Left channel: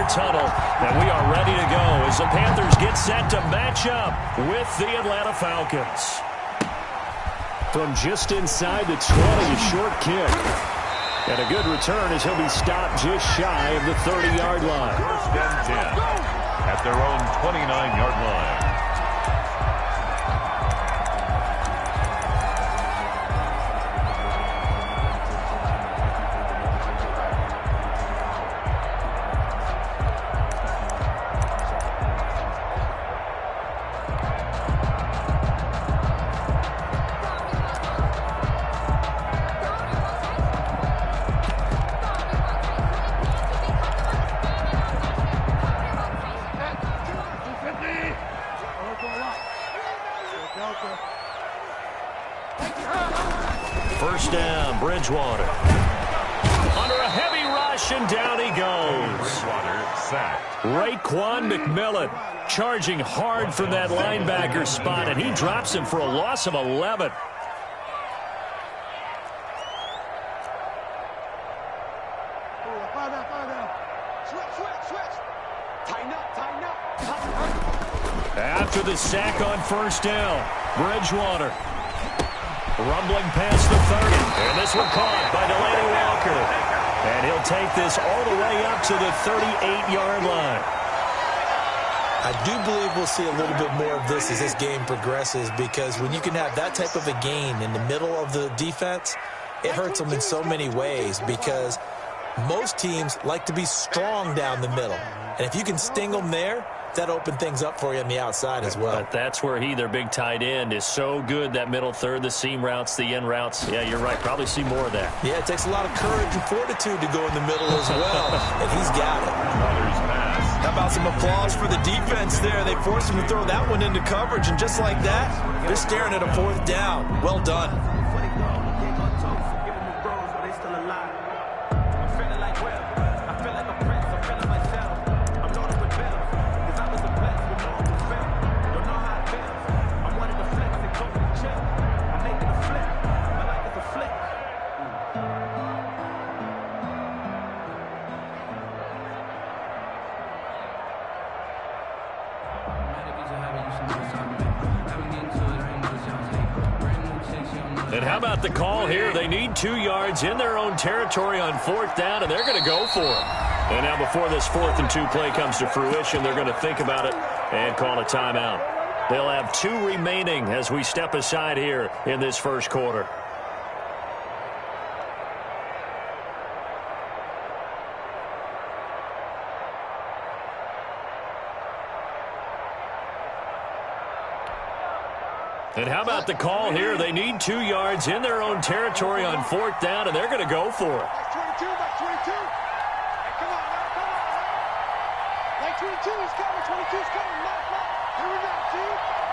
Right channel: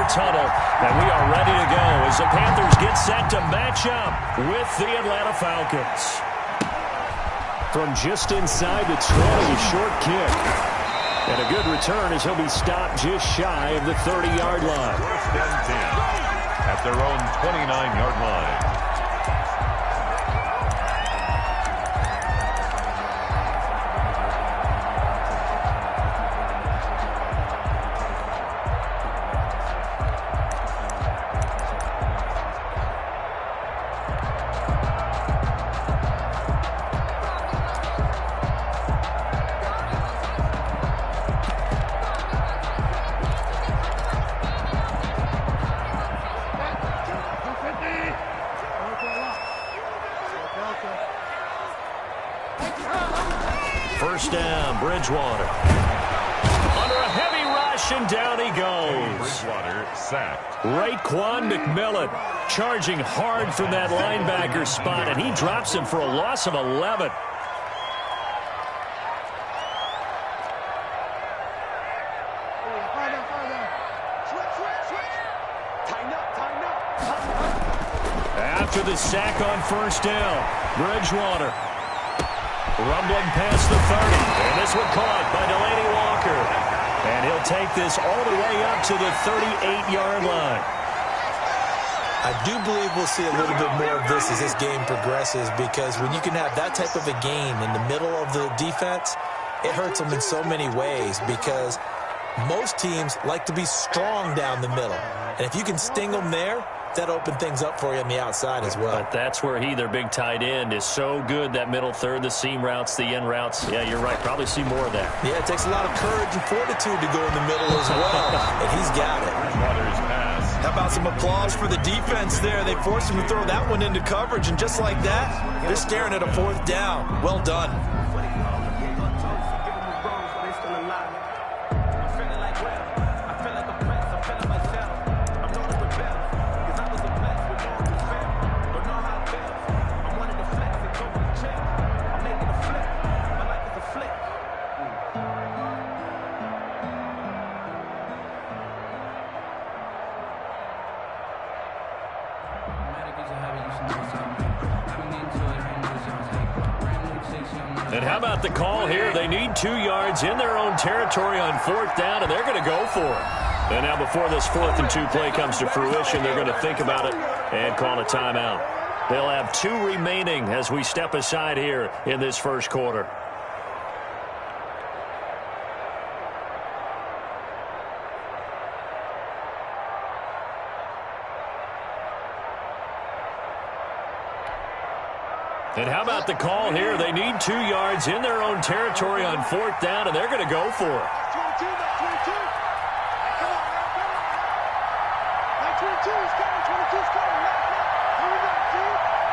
their tunnel, and we are ready to go as the Panthers get set to match up with the Atlanta Falcons. From just inside the 20, a short kick. And a good return as he'll be stopped just shy of the 30-yard line. First and 10 at their own 29-yard line. First down, Bridgewater. Under a heavy rush, and down he goes. Bridgewater sacked. Raekwon McMillan charging hard from that linebacker spot, and he drops him for a loss of 11. After the sack on first down, Bridgewater rumbling past the 30. And this one caught by Delaney Walker. And he'll take this all the way up to the 38-yard line. I do believe we'll see a little bit more of this as this game progresses, because when you can have that type of a gain in the middle of the defense, it hurts them in so many ways, because most teams like to be strong down the middle. And if you can sting them there, that opened things up for you on the outside as well. But that's where their big tight end, is so good, that middle third, the seam routes, the in routes. Yeah, you're right. Probably see more of that. Yeah, it takes a lot of courage and fortitude to go in the middle as well, and he's got it. Bridgewater's pass. How about some applause for the defense there? They forced him to throw that one into coverage, and just like that, they're staring at a fourth down. Well done. And how about the call here? They need 2 yards in their own territory on fourth down, and they're going to go for it. And now before this 4th and 2 play comes to fruition, they're going to think about it and call a timeout. They'll have 2 remaining as we step aside here in this first quarter. And how about the call here? They need 2 yards in their own territory on fourth down, and they're going to go for it. Back 22, back 22. Hey, come on now, come on now. Back 22 is coming, 22 is coming. Lock, lock. Here we go, G.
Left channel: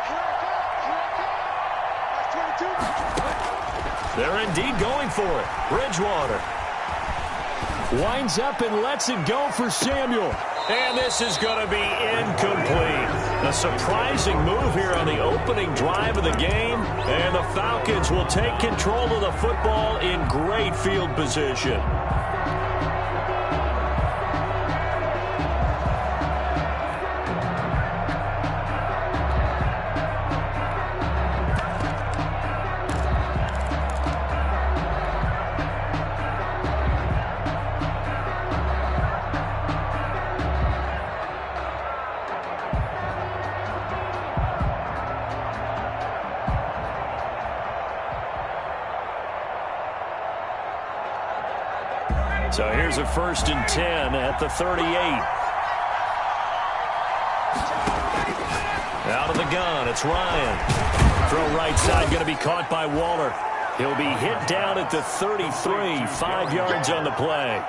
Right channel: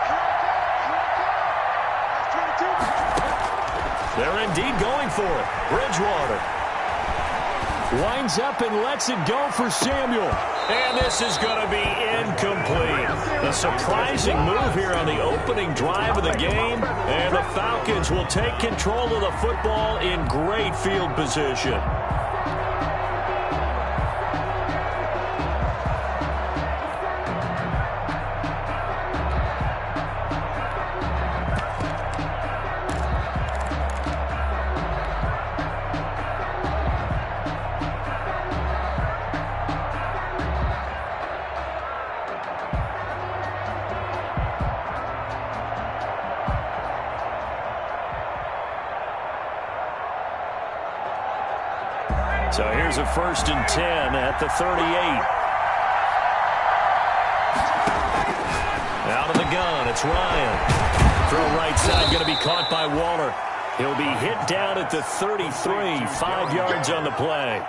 Here I come, here I come. That's 22. They're indeed going for it. Bridgewater winds up and lets it go for Samuel. And this is going to be incomplete. A surprising move here on the opening drive of the game. And the Falcons will take control of the football in great field position. So here's a 1st and 10 at the 38. Out of the gun, it's Ryan. Throw right side, going to be caught by Waller. He'll be hit down at the 33, 5 yards on the play.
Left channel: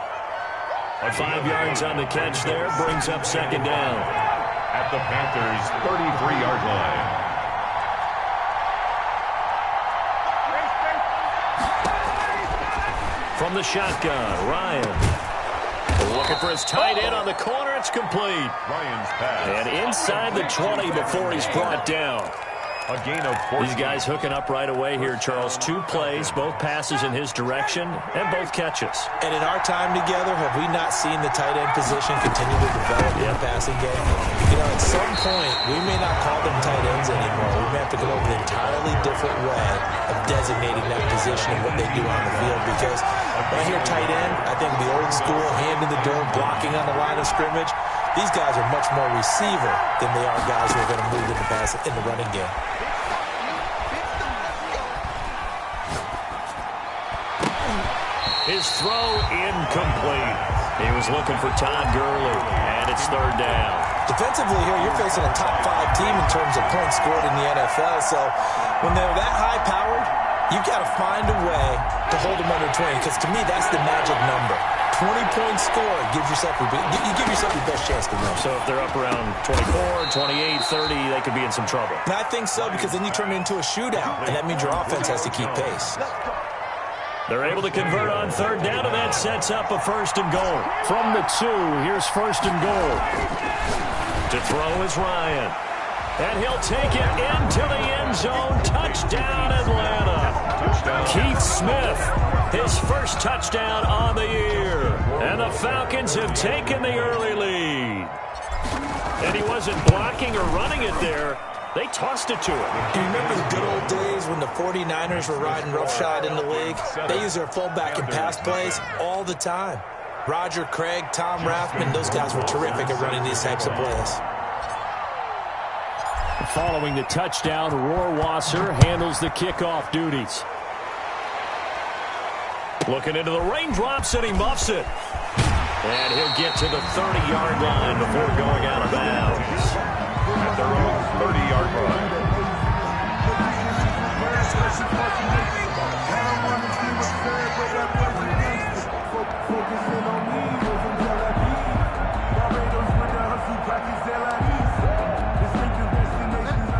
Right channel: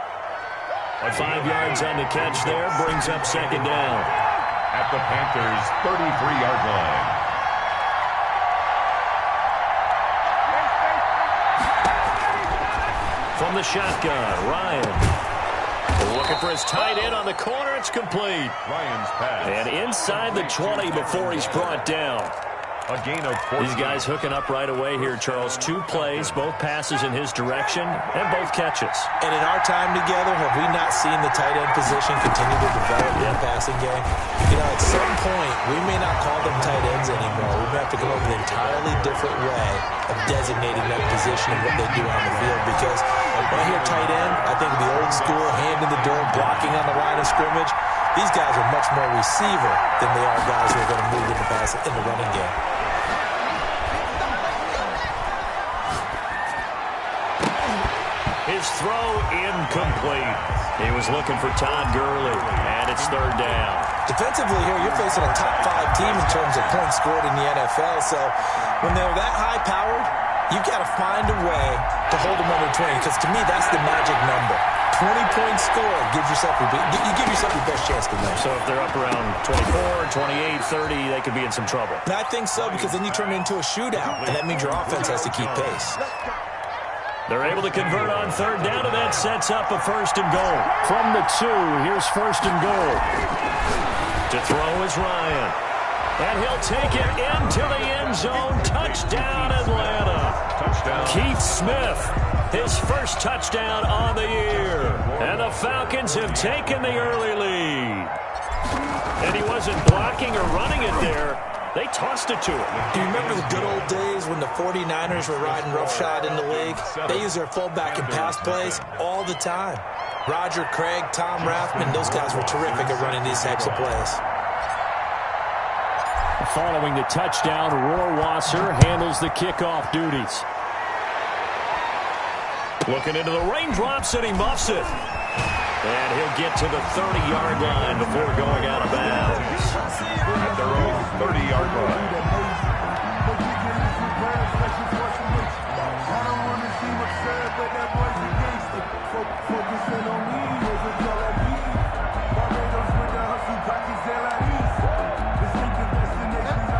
5 yards on the catch there, brings up 2nd down. At the Panthers' 33-yard line. From the shotgun, Ryan looking for his tight end on the corner. It's complete. Ryan's pass. And inside the 20 before he's brought down. A gain of 14. These guys hooking up right away here, Charles. 2 plays, both passes in his direction, and both catches. And in our time together, have we not seen the tight end position continue to develop in the passing game? You know, at some point, we may not call them tight ends anymore. We may have to come up with an entirely different way of designating that position and what they do on the field. Because when I hear tight end, I think of the old school, hand in the dirt, blocking on the line of scrimmage. These guys are much more receiver than they are guys who are going to move in the running game. His throw incomplete. He was looking for Todd Gurley, and it's 3rd down. Defensively here, you're facing a top 5 team in terms of points scored in the NFL. So when they're that high-powered, you've got to find a way to hold them under 20, because to me, that's the magic number. 20 points scored, you give yourself your best chance to win. So if they're up around 24, 28, 30, they could be in some trouble. And I think so, because then you turn it into a shootout, and that means your offense has to keep pace. They're able to convert on 3rd down, and that sets up a 1st and goal. From the 2, here's 1st and goal. To throw is Ryan. And he'll take it into the end zone. Touchdown, Atlanta. Touchdown. Keith Smith, his first touchdown on the year. And the Falcons have taken the early lead. And he wasn't blocking or running it there. They tossed it to him. Do you remember the good old days when the 49ers were riding roughshod in the league? They used their fullback in pass plays all the time. Roger Craig, Tom Rathman, those guys were terrific at running these types of plays. Following the touchdown, Rohrwasser handles the kickoff duties. Looking into the raindrops, and he muffs it. And he'll get to the 30-yard line before going out of bounds. At their own 30-yard line.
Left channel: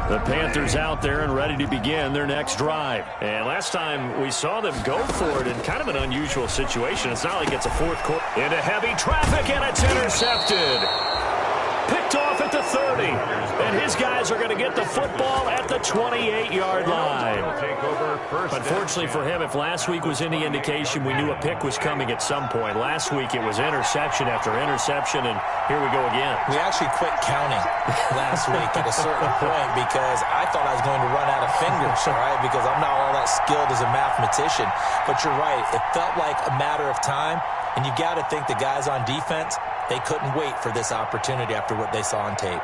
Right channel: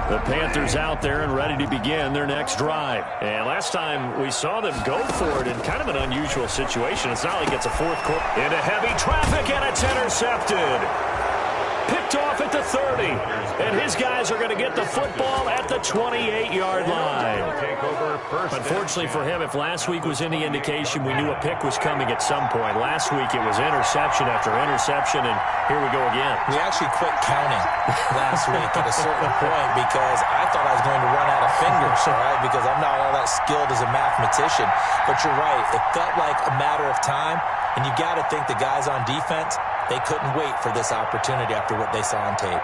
The Panthers out there and ready to begin their next drive. And last time we saw them go for it in kind of an unusual situation. It's not like it's a 4th quarter. Into heavy traffic, and it's intercepted. Picked off at the 30. And his guys are going to get the football at the 28-yard line. Unfortunately for him, if last week was any indication, we knew a pick was coming at some point. Last week it was interception after interception, and here we go again. We actually quit counting last week at a certain point because I thought I was going to run out of fingers, all right, because I'm not all that skilled as a mathematician. But you're right. It felt like a matter of time, and you got to think the guys on defense, they couldn't wait for this opportunity after what they saw on tape.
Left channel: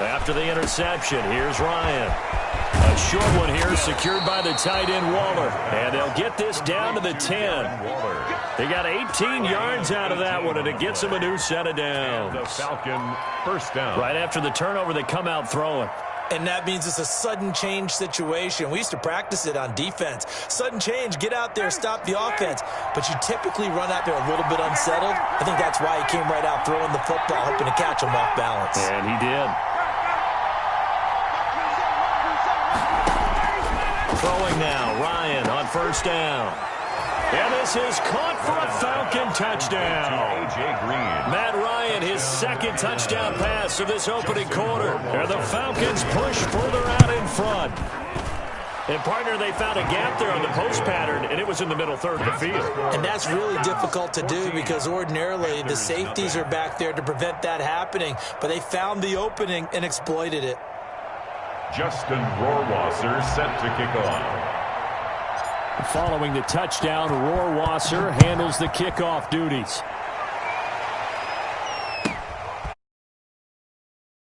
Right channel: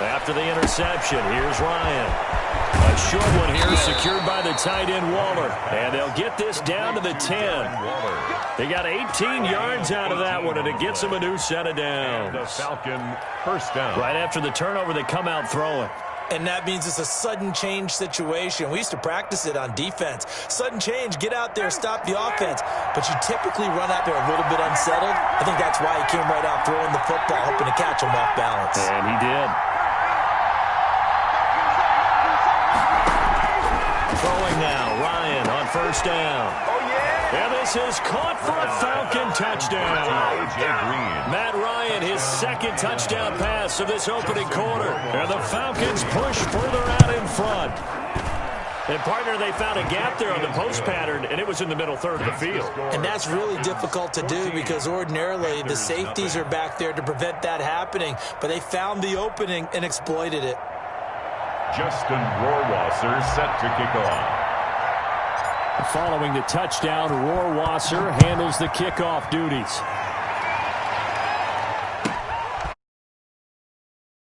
After the interception, here's Ryan. A short one here, secured by the tight end Waller. And they'll get this down to the 10. They got 18 yards out of that one, and it gets them a new set of downs. The Falcon 1st down. Right after the turnover, they come out throwing. And that means it's a sudden change situation. We used to practice it on defense. Sudden change, get out there, stop the offense. But you typically run out there a little bit unsettled. I think that's why he came right out throwing the football, hoping to catch him off balance. And he did. Throwing now, Ryan on 1st down. And this is caught for a Falcon touchdown. A.J. Green. Matt Ryan, his 2nd touchdown pass of this opening quarter. And the Falcons push further out in front. And, partner, they found a gap there on the post pattern, and it was in the middle 3rd of the field. And that's really difficult to do because ordinarily the safeties are back there to prevent that happening. But they found the opening and exploited it. Justin Rohrwasser set to kick off. Following the touchdown, Rohrwasser handles the kickoff duties.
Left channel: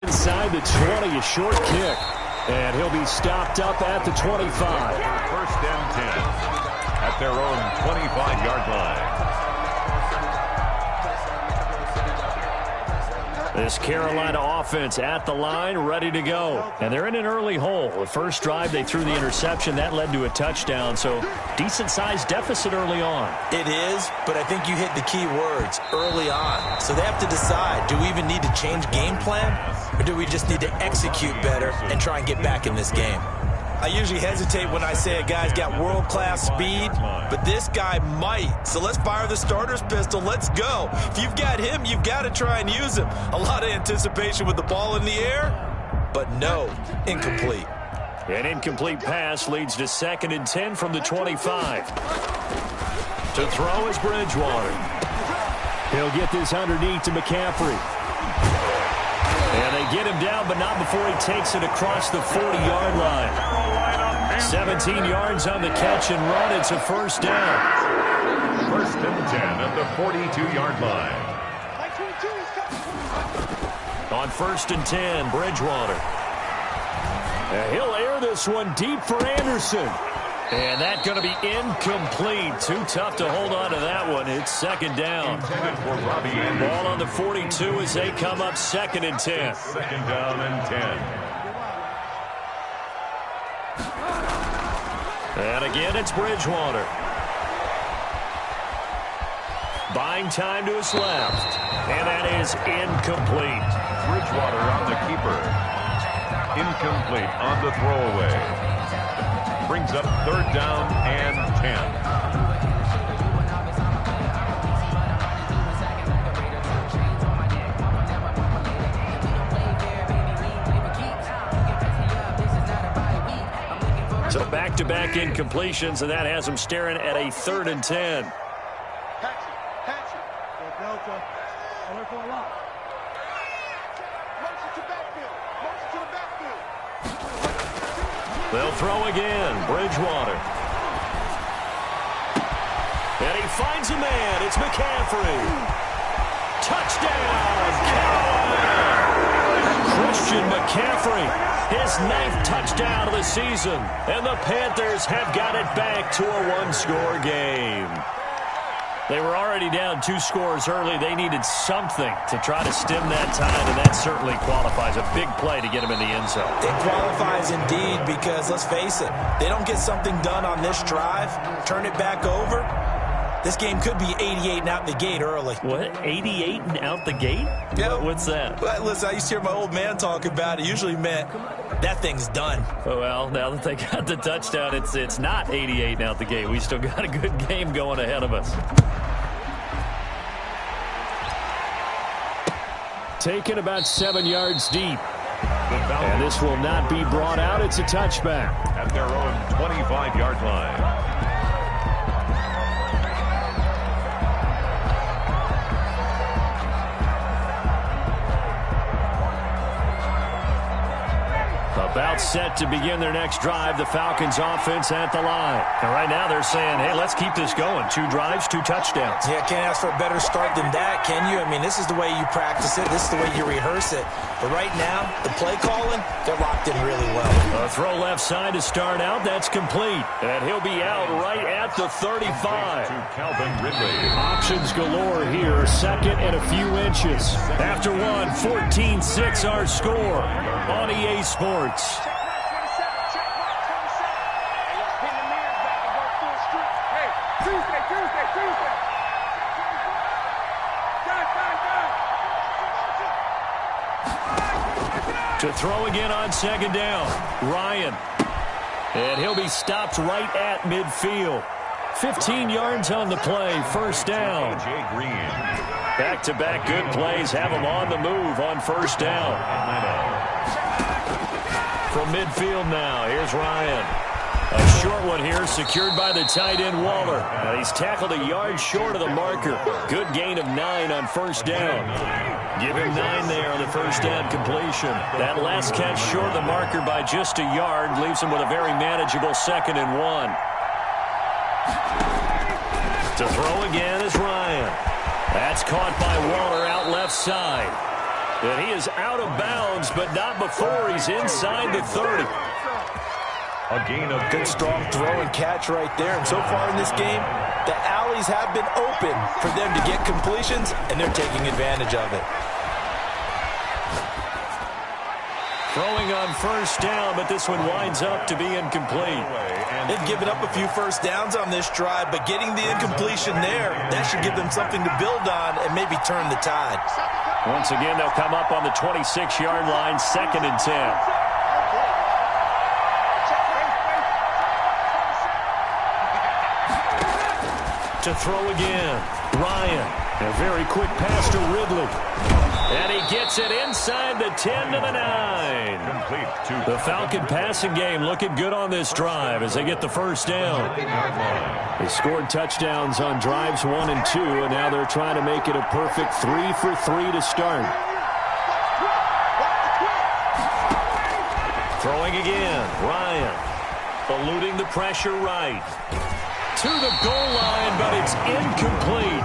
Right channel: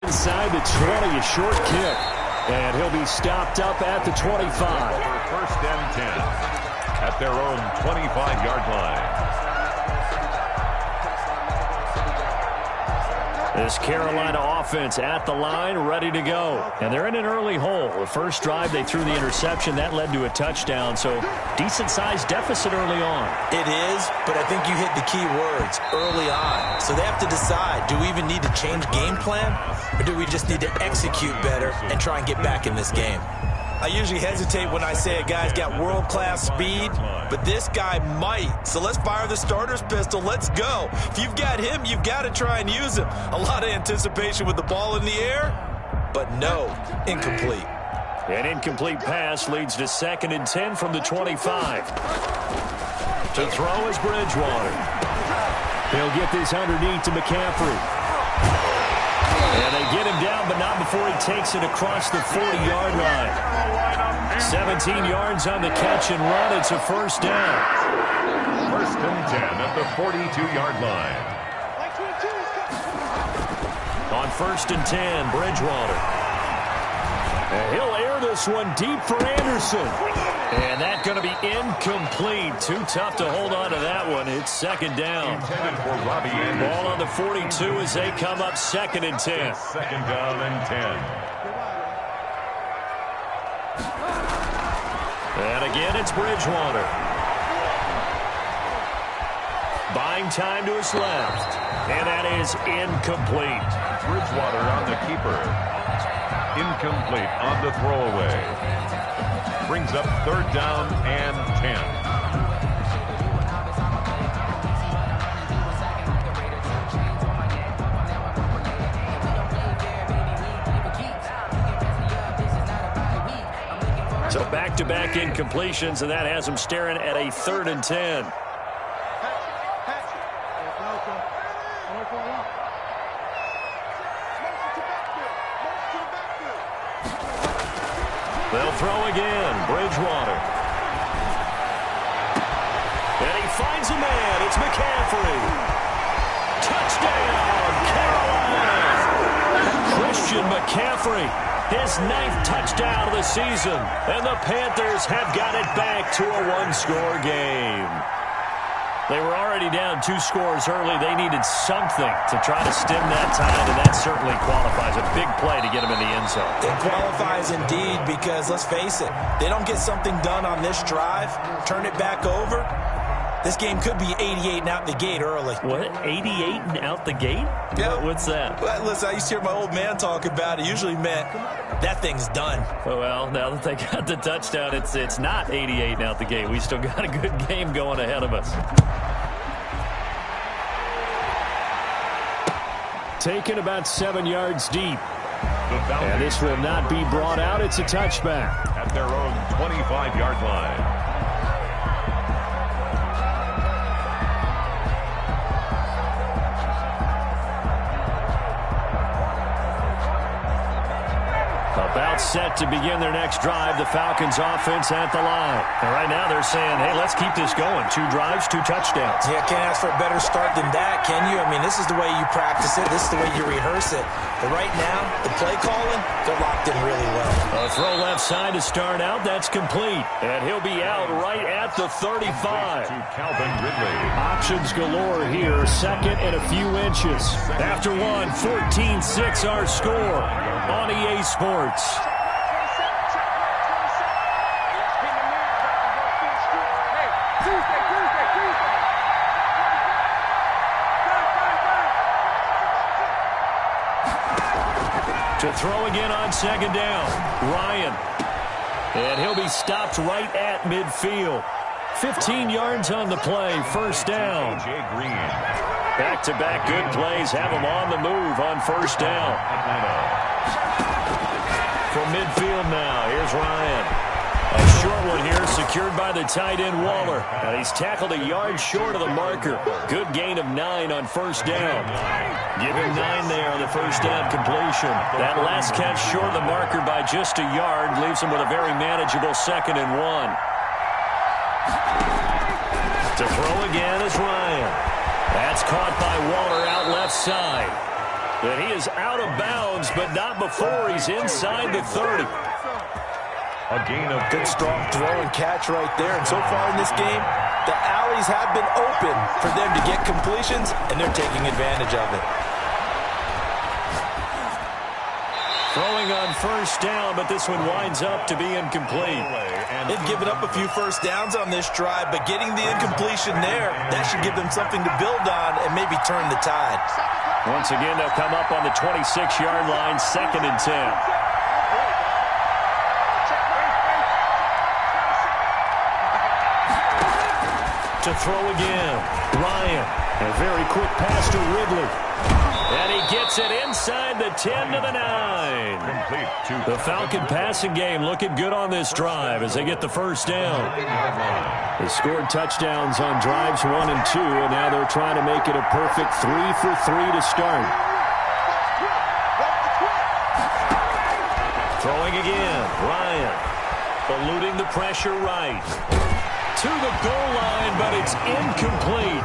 Inside the 20, a short kick. And he'll be stopped up at the 25. 1st and 10 at their own 25-yard line. This Carolina offense at the line, ready to go. And they're in an early hole. The first drive, they threw the interception. That led to a touchdown, so decent-sized deficit early on. It is, but I think you hit the key words, early on. So they have to decide, do we even need to change game plan, or do we just need to execute better and try and get back in this game? I usually hesitate when I say a guy's got world-class speed, but this guy might. So let's fire the starter's pistol. Let's go. If you've got him, you've got to try and use him. A lot of anticipation with the ball in the air, but no, incomplete. An incomplete pass leads to 2nd and 10 from the 25. To throw is Bridgewater. He'll get this underneath to McCaffrey. And they get him down, but not before he takes it across the 40-yard line. 17 yards on the catch and run. It's a first down. 1st and 10 at the 42-yard line. On 1st and 10, Bridgewater. And he'll air this one deep for Anderson. And that's going to be incomplete. Too tough to hold on to that one. It's 2nd down. Intended for Robbie Anderson. Ball on the 42 as they come up 2nd and 10. 2nd down and 10. And again, it's Bridgewater. Buying time to his left. And that is incomplete. Bridgewater on the keeper. Incomplete on the throwaway. Brings up 3rd down and 10. So back-to-back incompletions, and that has him staring at a 3rd and 10. They'll throw again. Bridgewater. And he finds a man. It's McCaffrey. Touchdown, Carolina. Christian McCaffrey. His 9th touchdown of the season. And the Panthers have got it back to a 1-score game. They were already down 2 scores early. They needed something to try to stem that tide, and that certainly qualifies. A big play to get them in the end zone. It qualifies indeed because, let's face it, they don't get something done on this drive, turn it back over, this game could be 88 and out the gate early. What? 88 and out the gate? Yeah. What's that? Well, listen, I used to hear my old man talk about it. Usually meant that thing's done. Well, now that they got the touchdown, it's not 88 and out the gate. We still got a good game going ahead of us. Taken about 7 yards deep. And this will not be brought out. It's a touchback. At their own 25-yard line. About set to begin their next drive. The Falcons offense at the line. And right now they're saying, hey, let's keep this going. 2 drives, 2 touchdowns. Yeah, can't ask for a better start than that, can you? I mean, this is the way you practice it. This is the way you rehearse it. But right now, the play calling, they're locked in really well. A throw left side to start out. That's complete. And he'll be out right at the 35. To Calvin Ridley. Options galore here. 2nd and a few inches. After one, 14-6 our score on EA Sports. Check right 27. Hey, let's pin the mirrors back and go full street. Hey, Tuesday. Done. To throw again on 2nd down. Ryan. And he'll be stopped right at midfield. 15 yards on the play. 1st down. A.J. Green. Back-to-back good plays have them on the move on 1st down. Atlanta. From midfield now, here's Ryan. A short one here, secured by the tight end Waller. And he's tackled a yard short of the marker. Good gain of 9 on 1st down. Give him 9 there on the 1st down completion. That last catch short of the marker by just a yard leaves him with a very manageable 2nd and 1. To throw again is Ryan. That's caught by Waller out left side. And he is out of bounds, but not before he's inside the 30. A gain of Good strong throw and catch right there. And so far in this game, the alleys have been open for them to get completions, and they're taking advantage of it. Throwing on 1st down, but this one winds up to be incomplete. They've given up a few 1st downs on this drive, but getting the incompletion there, that should give them something to build on and maybe turn the tide. Once again, they'll come up on the 26-yard line, 2nd and 10. to throw again. Ryan. A very quick pass to Ridley. And he gets it inside the 10 to the 9. Complete to The Falcon passing game looking good on this drive as they get the first down. They scored touchdowns on drives 1 and 2, and now they're trying to make it a perfect 3 for 3 to start. Throwing again. Ryan. Eluding the pressure right. To the goal line, but it's incomplete.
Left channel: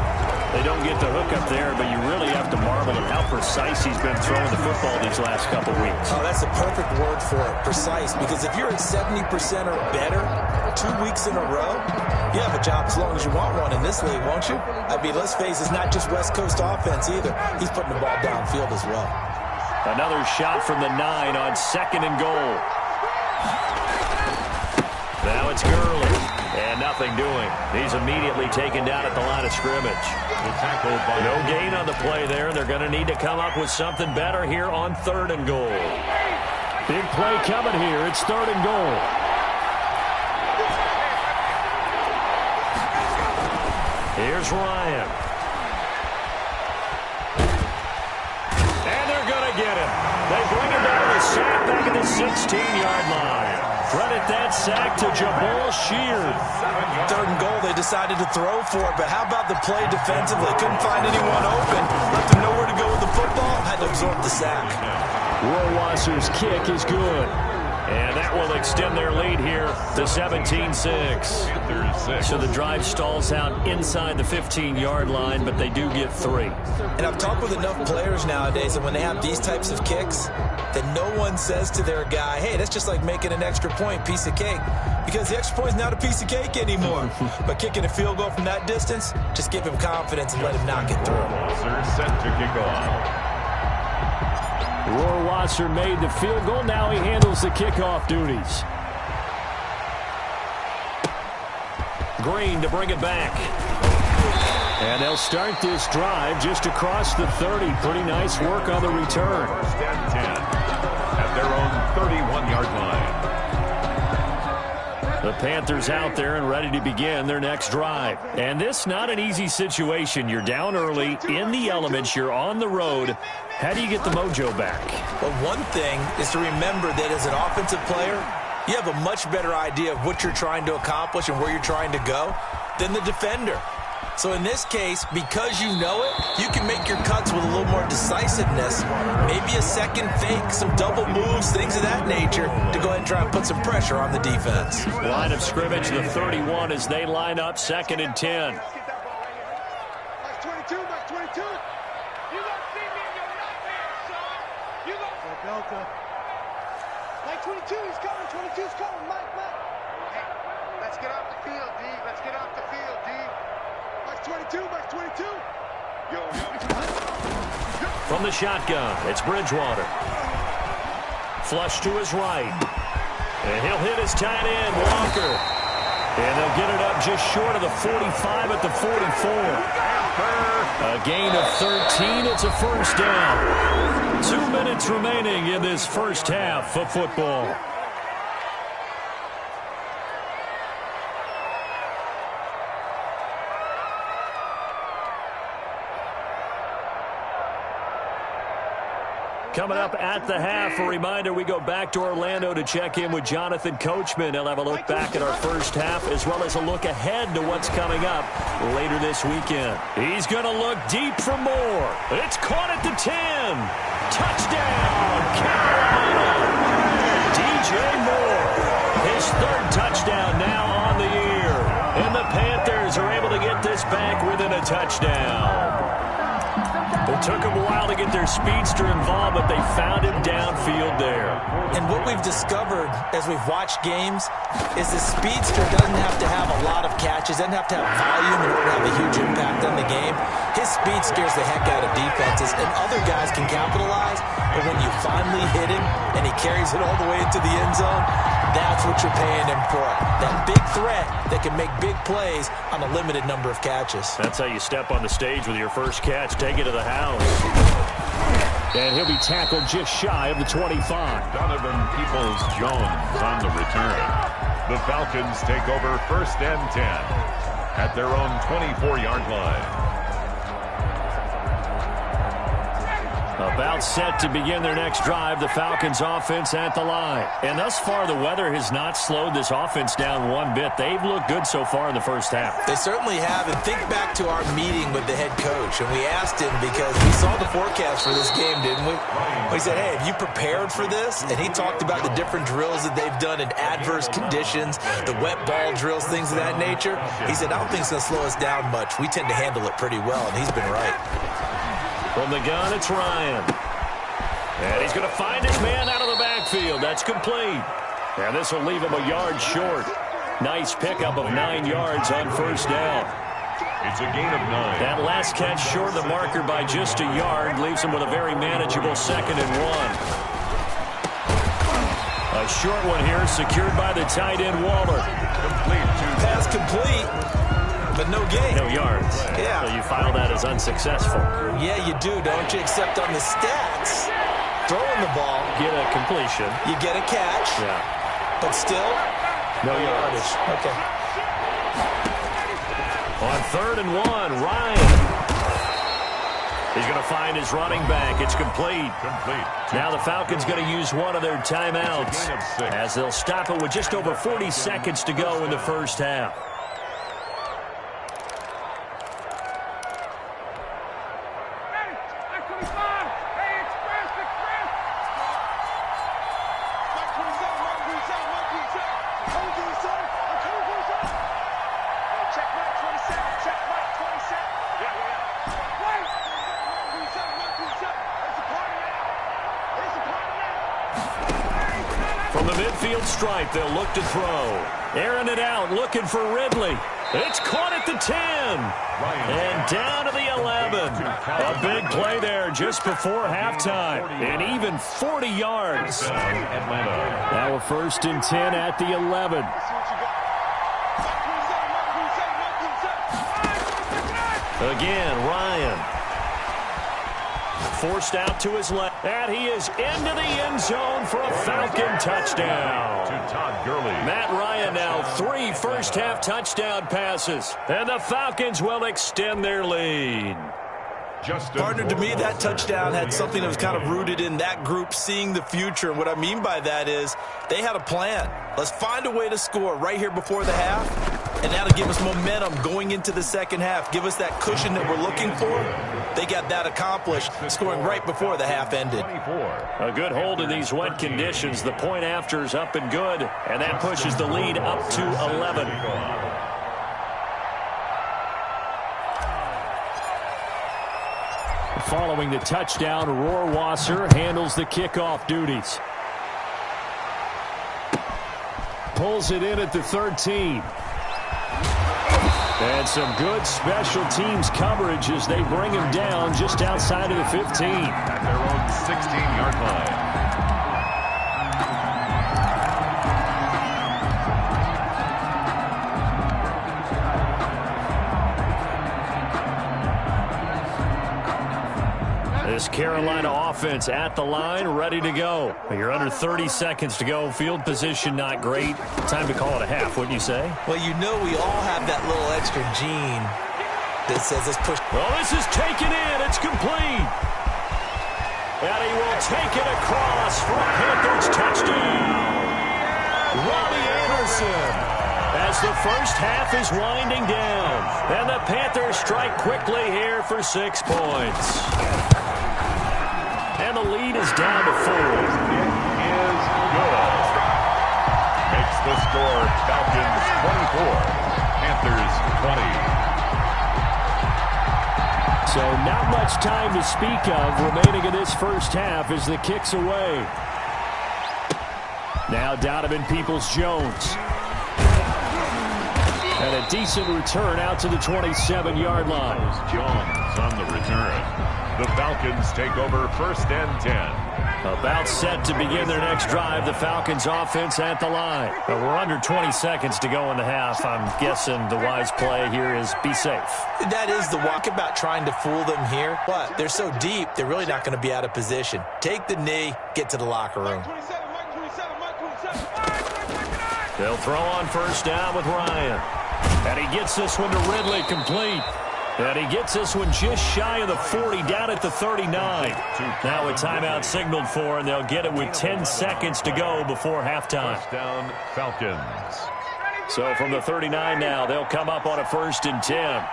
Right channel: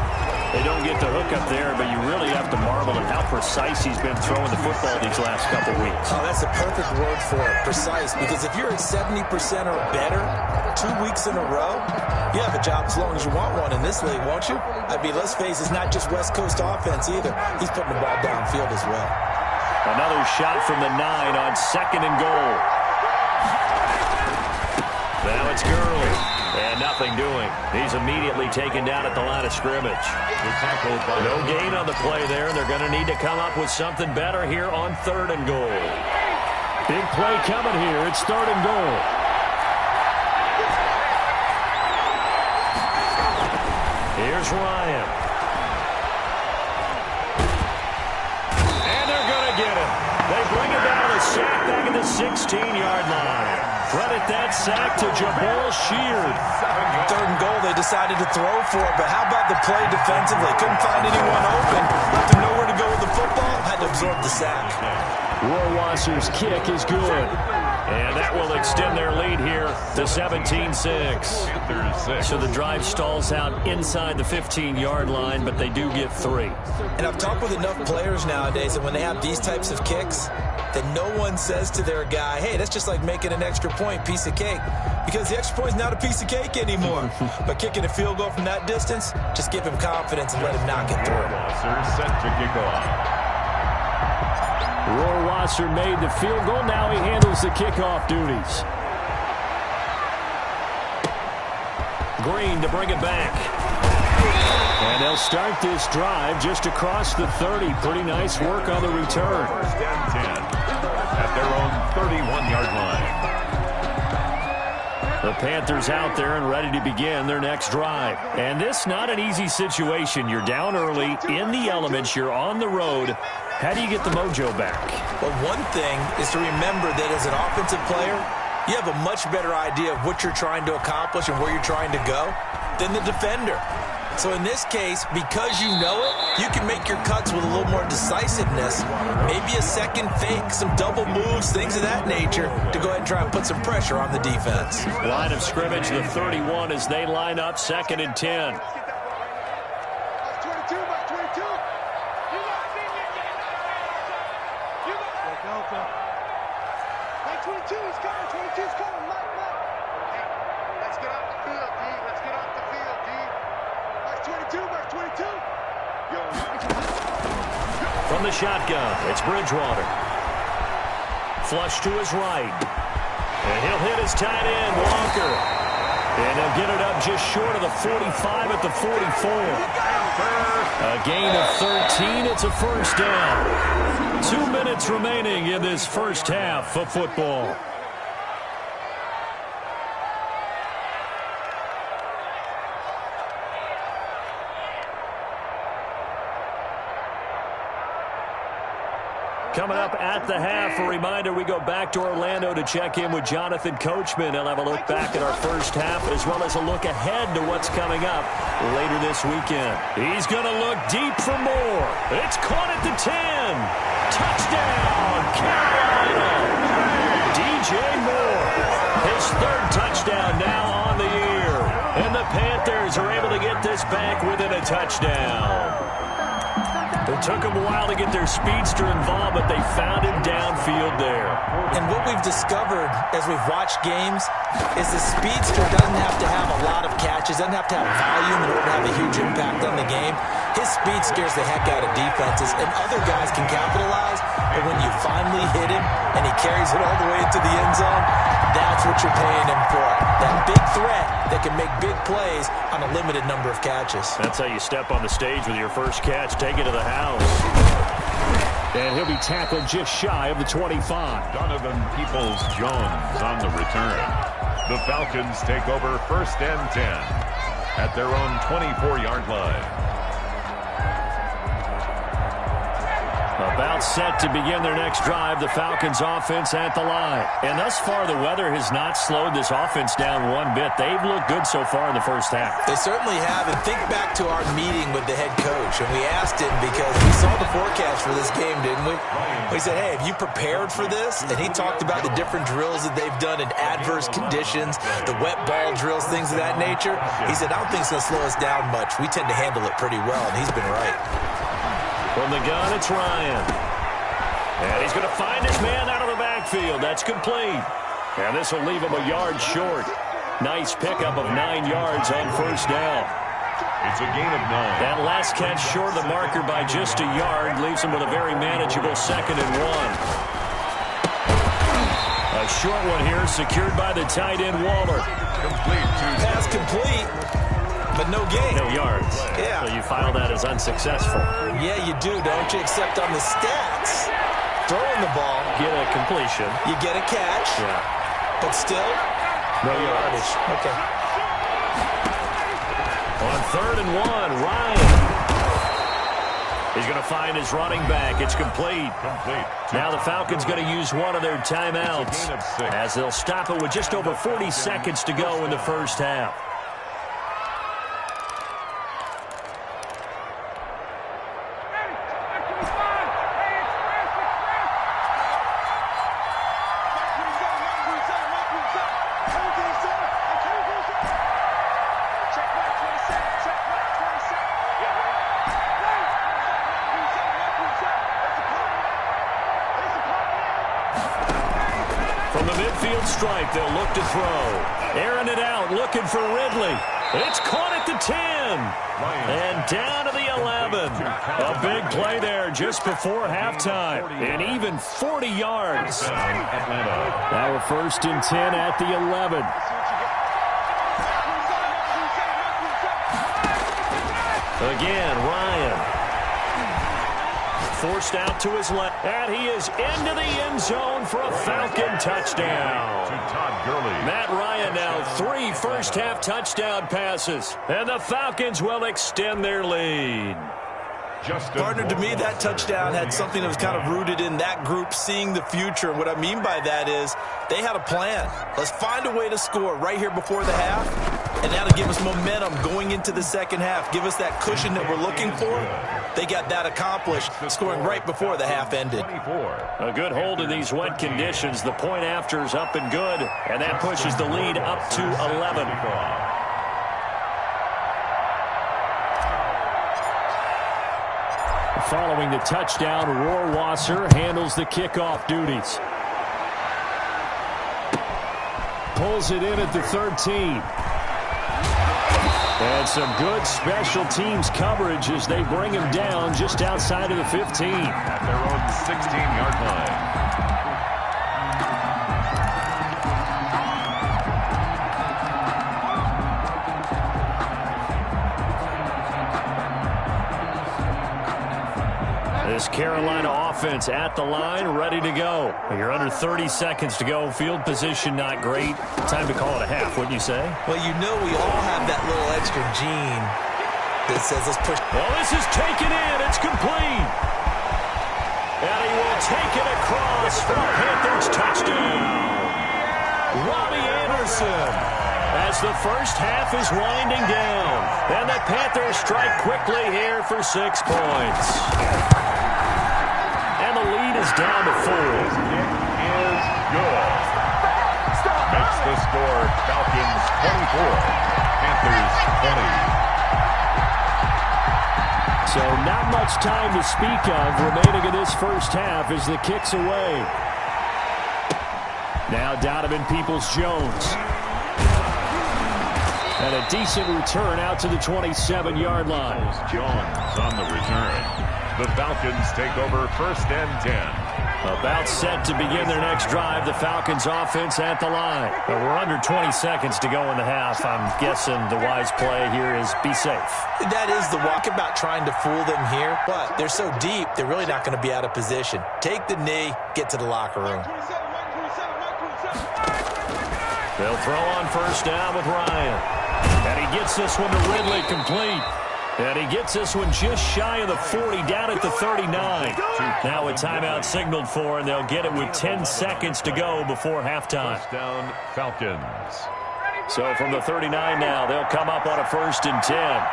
They don't get the hook up there, but you really have to marvel at how precise he's been throwing the football these last couple weeks. Oh, that's a perfect word for it, precise, because if you're at 70% or better 2 weeks in a row, you have a job as long as you want one in this league, won't you? I mean, let's face it, it's not just West Coast offense either. He's putting the ball downfield as well. Another shot from the 9 on 2nd and goal. Now it's Gurley. And nothing doing. He's immediately taken down at the line of scrimmage. No gain on the play there, and they're going to need to come up with something better here on 3rd and goal. Big play coming here. It's 3rd and goal. Here's Ryan. And they're going to get him. They bring him down to the sack back at the 16-yard line. Credit that sack to Jabal Sheard. 3rd and goal, they decided to throw for it, but how about the play defensively? Couldn't find anyone open. Left him nowhere to go with the football. Had to absorb the sack. Rohrwasser's kick is good. And that will extend their lead here to 17-6. So the drive stalls out inside the 15-yard line, but they do get 3. And I've talked with enough players nowadays that when they have these types of kicks, that no one says to their guy, hey, that's just like making an extra point, piece of cake. Because the extra point is not a piece of cake anymore. But kicking a field goal from that distance, just give him confidence and let him knock it through. Rohrwasser set to kick off. Rohrwasser made the field goal. Now he handles the kickoff duties. Green to bring it back. And they'll start this drive just across the 30. Pretty nice work on the return. 1st and 10 at their own 31-yard line. The Panthers out there and ready to begin their next drive. And this not an easy situation. You're down early, in the elements, you're on the road. How do you get the mojo back? Well, one thing is to remember that as an offensive player, you have a much better idea of what you're trying to accomplish and where you're trying to go than the defender. So in this case, because you know it, you can make your cuts with a little more decisiveness, maybe a second fake, some double moves, things of that nature, to go ahead and try and put some pressure on the defense. Line of scrimmage, the 31 as they line up 2nd and 10. Box 22, box 22. You don't see me in your nightmares, son. You don't. Delta. Mike 22, he's coming. 22's coming. Mike. Hey, let's get off the field, D. Let's get off the field, D. Box 22, box 22. From the shotgun, it's Bridgewater. Flush to his right. And he'll hit his tight end, Walker. And they'll get it up just short of the 45 at the 44. A gain of 13. It's a first down. 2 minutes remaining in this first half of football. Coming up at the half, a reminder, we go back to Orlando to check in with Jonathan Coachman. He'll have a look back at our first half as well as a look ahead to what's coming up later this weekend. He's going to look deep for more. It's caught at the 10. Touchdown, Carolina. DJ Moore, his 3rd touchdown now on the year. And the Panthers are able to get this back within a touchdown. It took them a while to get their speedster involved, but they found him downfield there. And what we've discovered as we've watched games is the speedster doesn't have to have a lot of catches, doesn't have to have volume in order to have a huge impact on the game. His speed scares the heck out of defenses, and other guys can capitalize, but when you finally hit him and he carries it all the way into the end zone, that's what you're paying him for. That big threat that can make big plays on a limited number of catches. That's how you step on the stage with your first catch. Take it to the house. And he'll be tackled just shy of the 25. Donovan Peoples-Jones on the return. The Falcons take over 1st and 10. at their own 24-yard line. About set to begin their next drive, the Falcons offense at the line. And thus far, the weather has not slowed this offense down one bit. They've looked good so far in the first half. They certainly have. And think back to our meeting with the head coach. And we asked him because we saw the forecast for this game, didn't we? We said, hey, have you prepared for this? And he talked about the different drills that they've done in adverse conditions, the wet ball drills, things of that nature. He said, I don't think it's going to slow us down much. We tend to handle it pretty well, and he's been right. From the gun, it's Ryan. And he's going to find his man out of the backfield. That's complete. And this will leave him a yard short. Nice pickup of 9 yards on first down. It's a gain of 9. That last catch short of the marker by just a yard leaves him with a very manageable 2nd and 1. A short one here secured by the tight end Waller. Complete to Pass complete. But no gain. No yards. Yeah. So you file that as unsuccessful. Yeah, you do, don't you? Except on the stats, throwing the ball, Get a completion. you get a catch, Yeah. but still, no yardage. Okay. On 3rd and 1, Ryan. He's going to find his running back. It's complete. complete. Now the Falcons going to use one of their timeouts It's a gain of 6. as they'll stop it with just over 40 seconds to go in the first half. From the midfield stripe, they'll look to throw. Airing it out, looking for Ridley. It's caught at the 10. And down to the 11. A big play there just before halftime. And even 40 yards. Atlanta. Now a 1st and 10 at the 11. Again, Ryan. Forced out to his left. And he is into the end zone for a Falcon touchdown. To Todd Gurley. Matt Ryan now 3 first-half touchdown passes. And the Falcons will extend their lead. Partner, to me, that touchdown had something that was kind of rooted in that group seeing the future. And what I mean by that is they had a plan. Let's find a way to score right here before the half. And that'll give us momentum going into the second half. Give us that cushion that we're looking for. They got that accomplished, scoring right before the half ended. A good hold in these wet conditions. The point after is up and good. And that pushes the lead up to 11. Following the touchdown, Rohrwasser handles the kickoff duties. Pulls it in at the 13. And some good special teams coverage as they bring him down just outside of the 15. At their own 16-yard line. This Carolina offense at the line, ready to go. You're under 30 seconds to go. Field position not great. Time to call it a half, wouldn't you say? Well, you know we all have that little extra gene that says let's push. Well, this is taken in. It's complete. And he will take it across for a Panthers touchdown. Robbie Anderson. As the first half is winding down. And the Panthers strike quickly here for 6 points. And the lead is down to 4. Kick is good. Makes the score Falcons 24, Panthers 20. So not much time to speak of remaining in this first half as the kick's away. Now Donovan Peoples-Jones. And a decent return out to the 27-yard line. Jones on the return. The Falcons take over 1st and 10. About set to begin their next drive. The Falcons offense at the line. We're under 20 seconds to go in the half. I'm guessing the wise play here is be safe. That is the walk about trying to fool them here. But they're so deep, they're really not going to be out of position. Take the knee, get to the locker room. They'll throw on first down with Ryan. And he gets this one to Ridley complete. And he gets this one just shy of the 40, down at the 39. Now a timeout signaled for, and they'll get it with 10 seconds to go before halftime. First down, Falcons. So from the 39 now, they'll come up on a 1st and 10.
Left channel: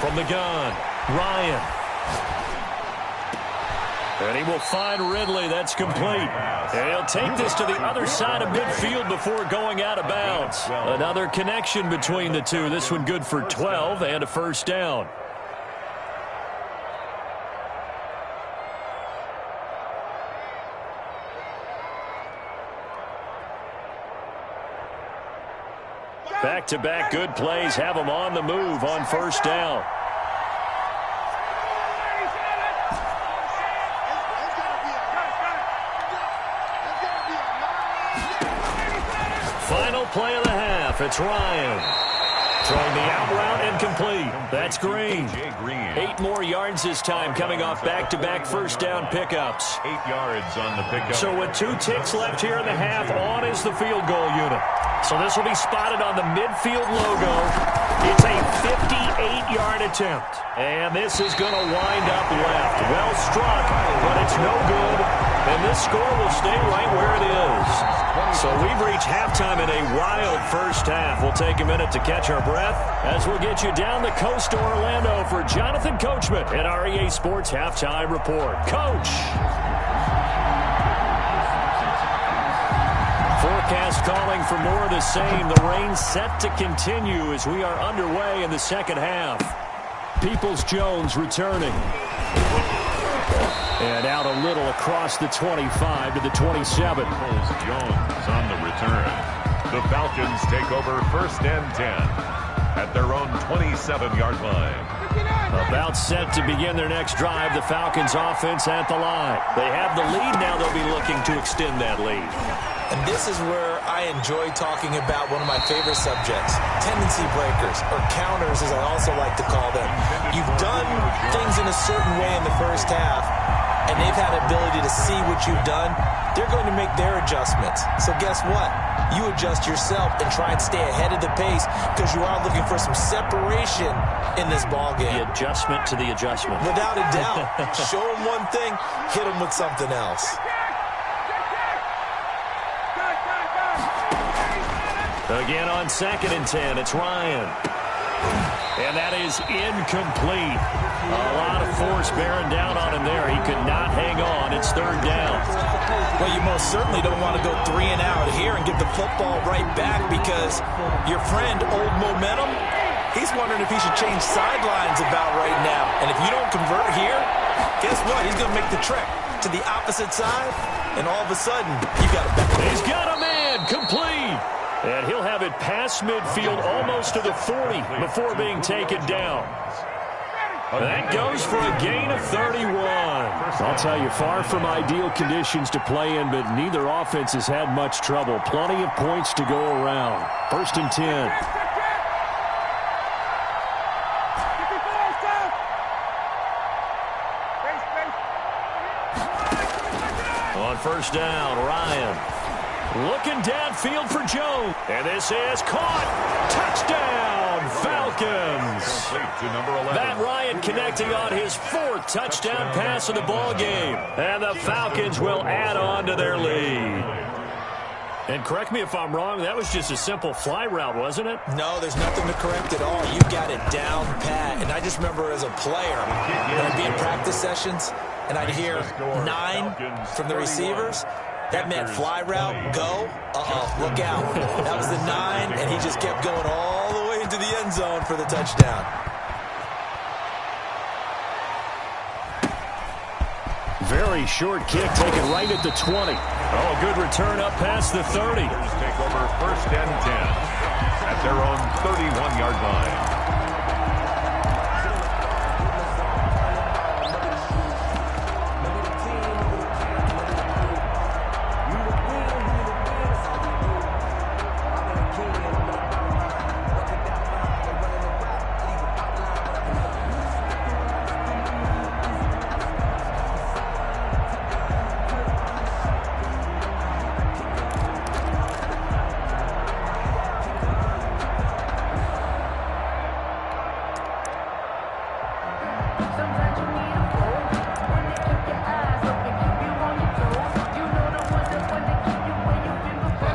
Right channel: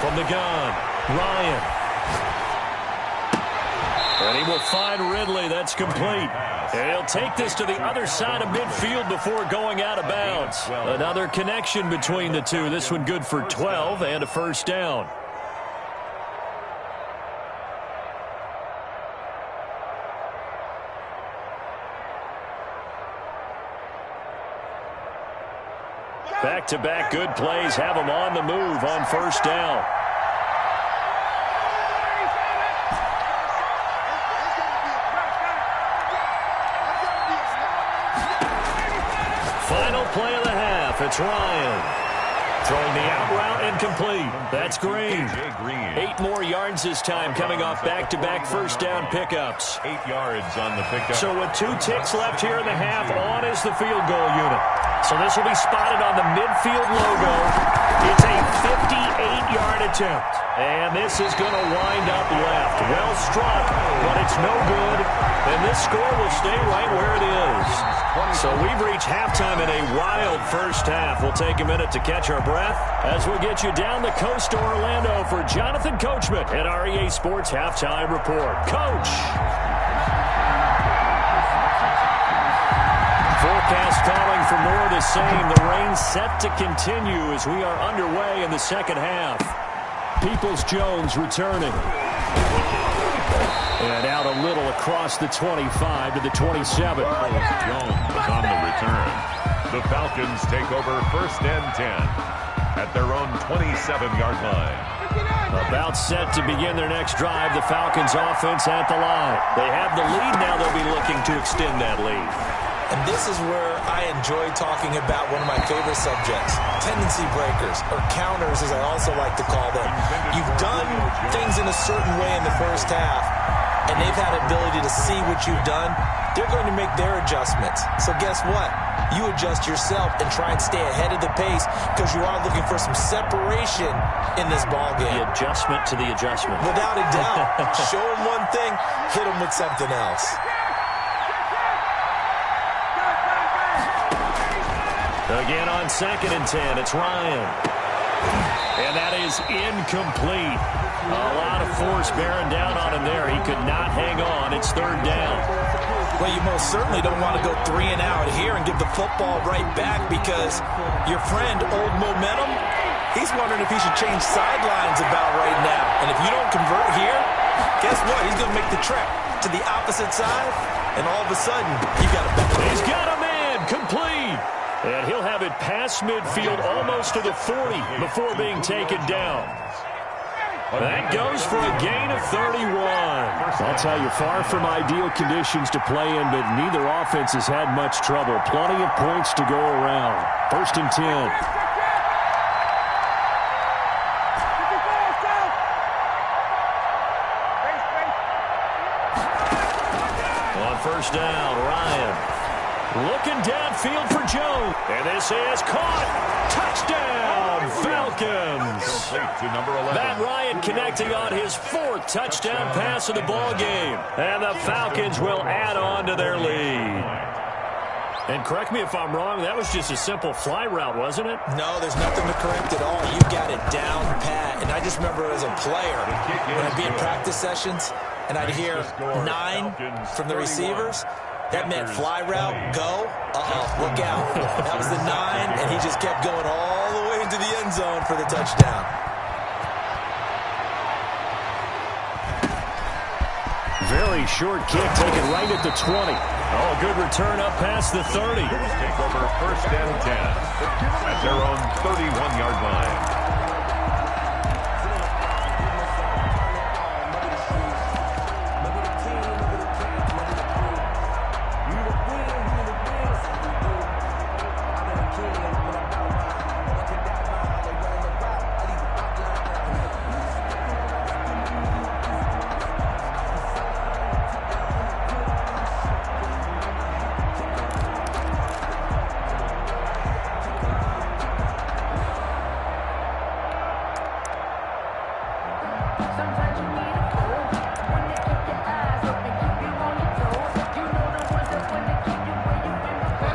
From the gun, Ryan. And he will find Ridley. That's complete. And he'll take this to the other side of midfield before going out of bounds. Another connection between the two. This one good for 12 and a first down. Back-to-back good plays have them on the move on first down. Final play of the half. It's Ryan. Throwing the out route and complete. That's Green. 8 more yards this time, coming off back-to-back first down pickups. 8 yards on the pickup. So with 2 ticks left here in the half, on is the field goal unit. So this will be spotted on the midfield logo. It's a 58-yard attempt. And this is going to wind up left. Well struck, but it's no good. And this score will stay right where it is. So we've reached halftime in a wild first half. We'll take a minute to catch our breath as we'll get you down the coast to Orlando for Jonathan Coachman at our EA Sports Halftime Report. Coach. Forecast calling for more of the same. The rain set to continue as we are underway in the second half. Peoples-Jones returning. And out a little across the 25 to the 27. Jones on the return. The Falcons take over 1st and 10 at their own 27-yard line. About set to begin their next drive. The Falcons offense at the line. They have the lead now. They'll be looking to extend that lead. And this is where I enjoy talking about one of my favorite subjects, tendency breakers, or counters as I also like to call them. You've done things in a certain way in the first half, and they've had ability to see what you've done. They're going to make their adjustments. So guess what? You adjust yourself and try and stay ahead of the pace because you are looking for some separation in this ballgame. The adjustment to the adjustment. Without a doubt. Show them one thing, hit them with something else. Again on 2nd and 10, it's Ryan. And that is incomplete. A lot of force bearing down on him there. He could not hang on. It's 3rd down. Well, you most certainly don't want to go 3 and out here and give the football right back because your friend, Old Momentum, he's wondering if he should change sidelines about right now. And if you don't convert here, guess what? He's going to make the trek to the opposite side, and all of a sudden, you got a back. He's got a man complete. And he'll have it past midfield almost to the 40 before being taken down. That goes for a gain of 31. I'll tell you, far from ideal conditions to play in, but neither offense has had much trouble. Plenty of points to go around. 1st and 10. On first down, Ryan. Looking downfield for Jones. And this is caught. Touchdown, Falcons. To number 11. Matt Ryan connecting on his 4th touchdown pass of the ball game. And the Falcons will add on to their lead. And correct me if I'm wrong, that was just a simple fly route, wasn't it? No, there's nothing to correct at all. You got it down pat. And I just remember as a player, when I'd be in practice sessions, and I'd hear 9 from the receivers. That meant fly route, go, look out. That was the 9, and he just kept going all the way into the end zone for the touchdown. Very short kick taken right at the 20. Oh, good return up past the 30. Take over 1st and 10 at their own 31-yard line.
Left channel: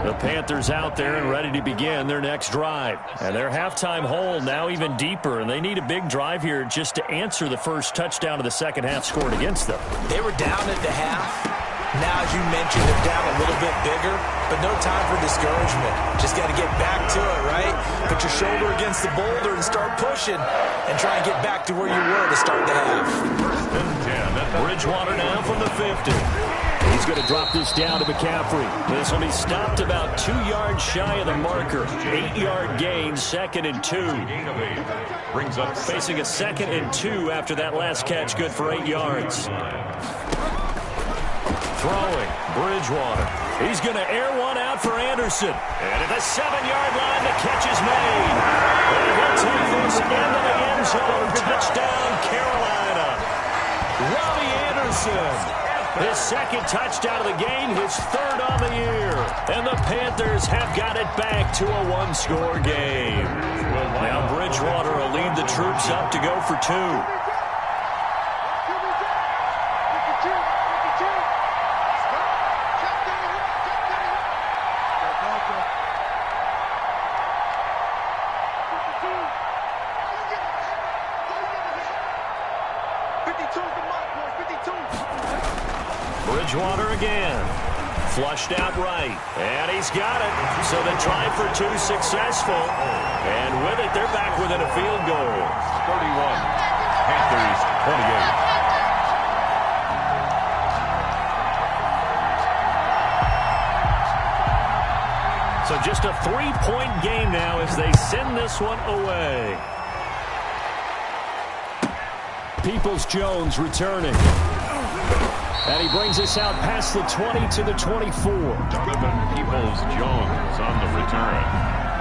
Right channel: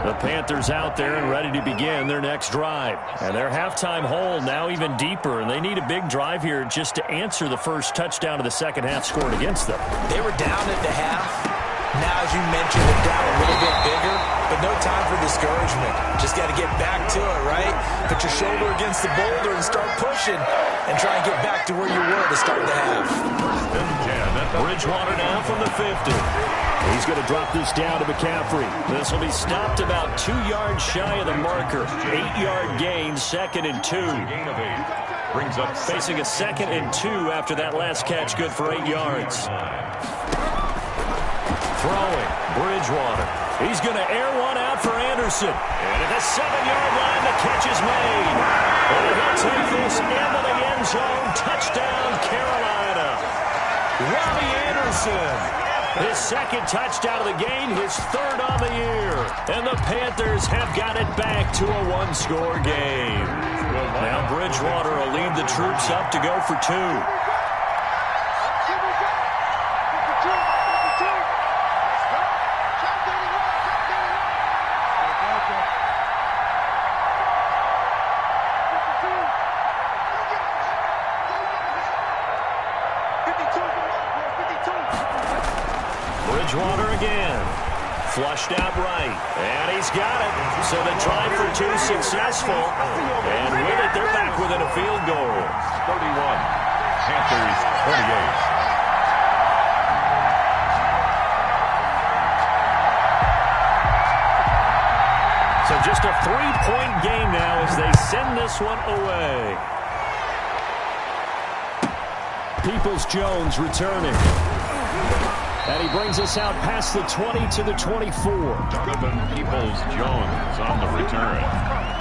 The Panthers out there and ready to begin their next drive. And their halftime hole now even deeper, and they need a big drive here just to answer the first touchdown of the second half scored against them. They were down at the half. Now, as you mentioned, they're down a little bit bigger, but no time for discouragement. Just got to get back to it, right? Put your shoulder against the boulder and start pushing and try and get back to where you were to start the half. Bridgewater now from the 50. He's going to drop this down to McCaffrey. This will be stopped about 2 yards shy of the marker. 8-yard gain, 2nd and 2. Brings up facing a 2nd and 2 after that last catch, good for 8 yards. Throwing, Bridgewater. He's going to air one out for Anderson. And at the 7-yard line, the catch is made. And he'll take this into the end zone. Touchdown, Carolina. Robbie Anderson. His 2nd touchdown of the game, his 3rd on the year. And the Panthers have got it back to a 1-score game. Now Bridgewater will lead the troops up to go for 2. Bridgewater again. Flushed out right. And he's got it. So the try for 2 successful. And with it, they're back within a field goal. 31. Panthers 28. So just a 3-point game now as they send this one away. Peoples-Jones returning. And he brings us out past the 20 to the 24. Donovan Peoples-Jones on the return.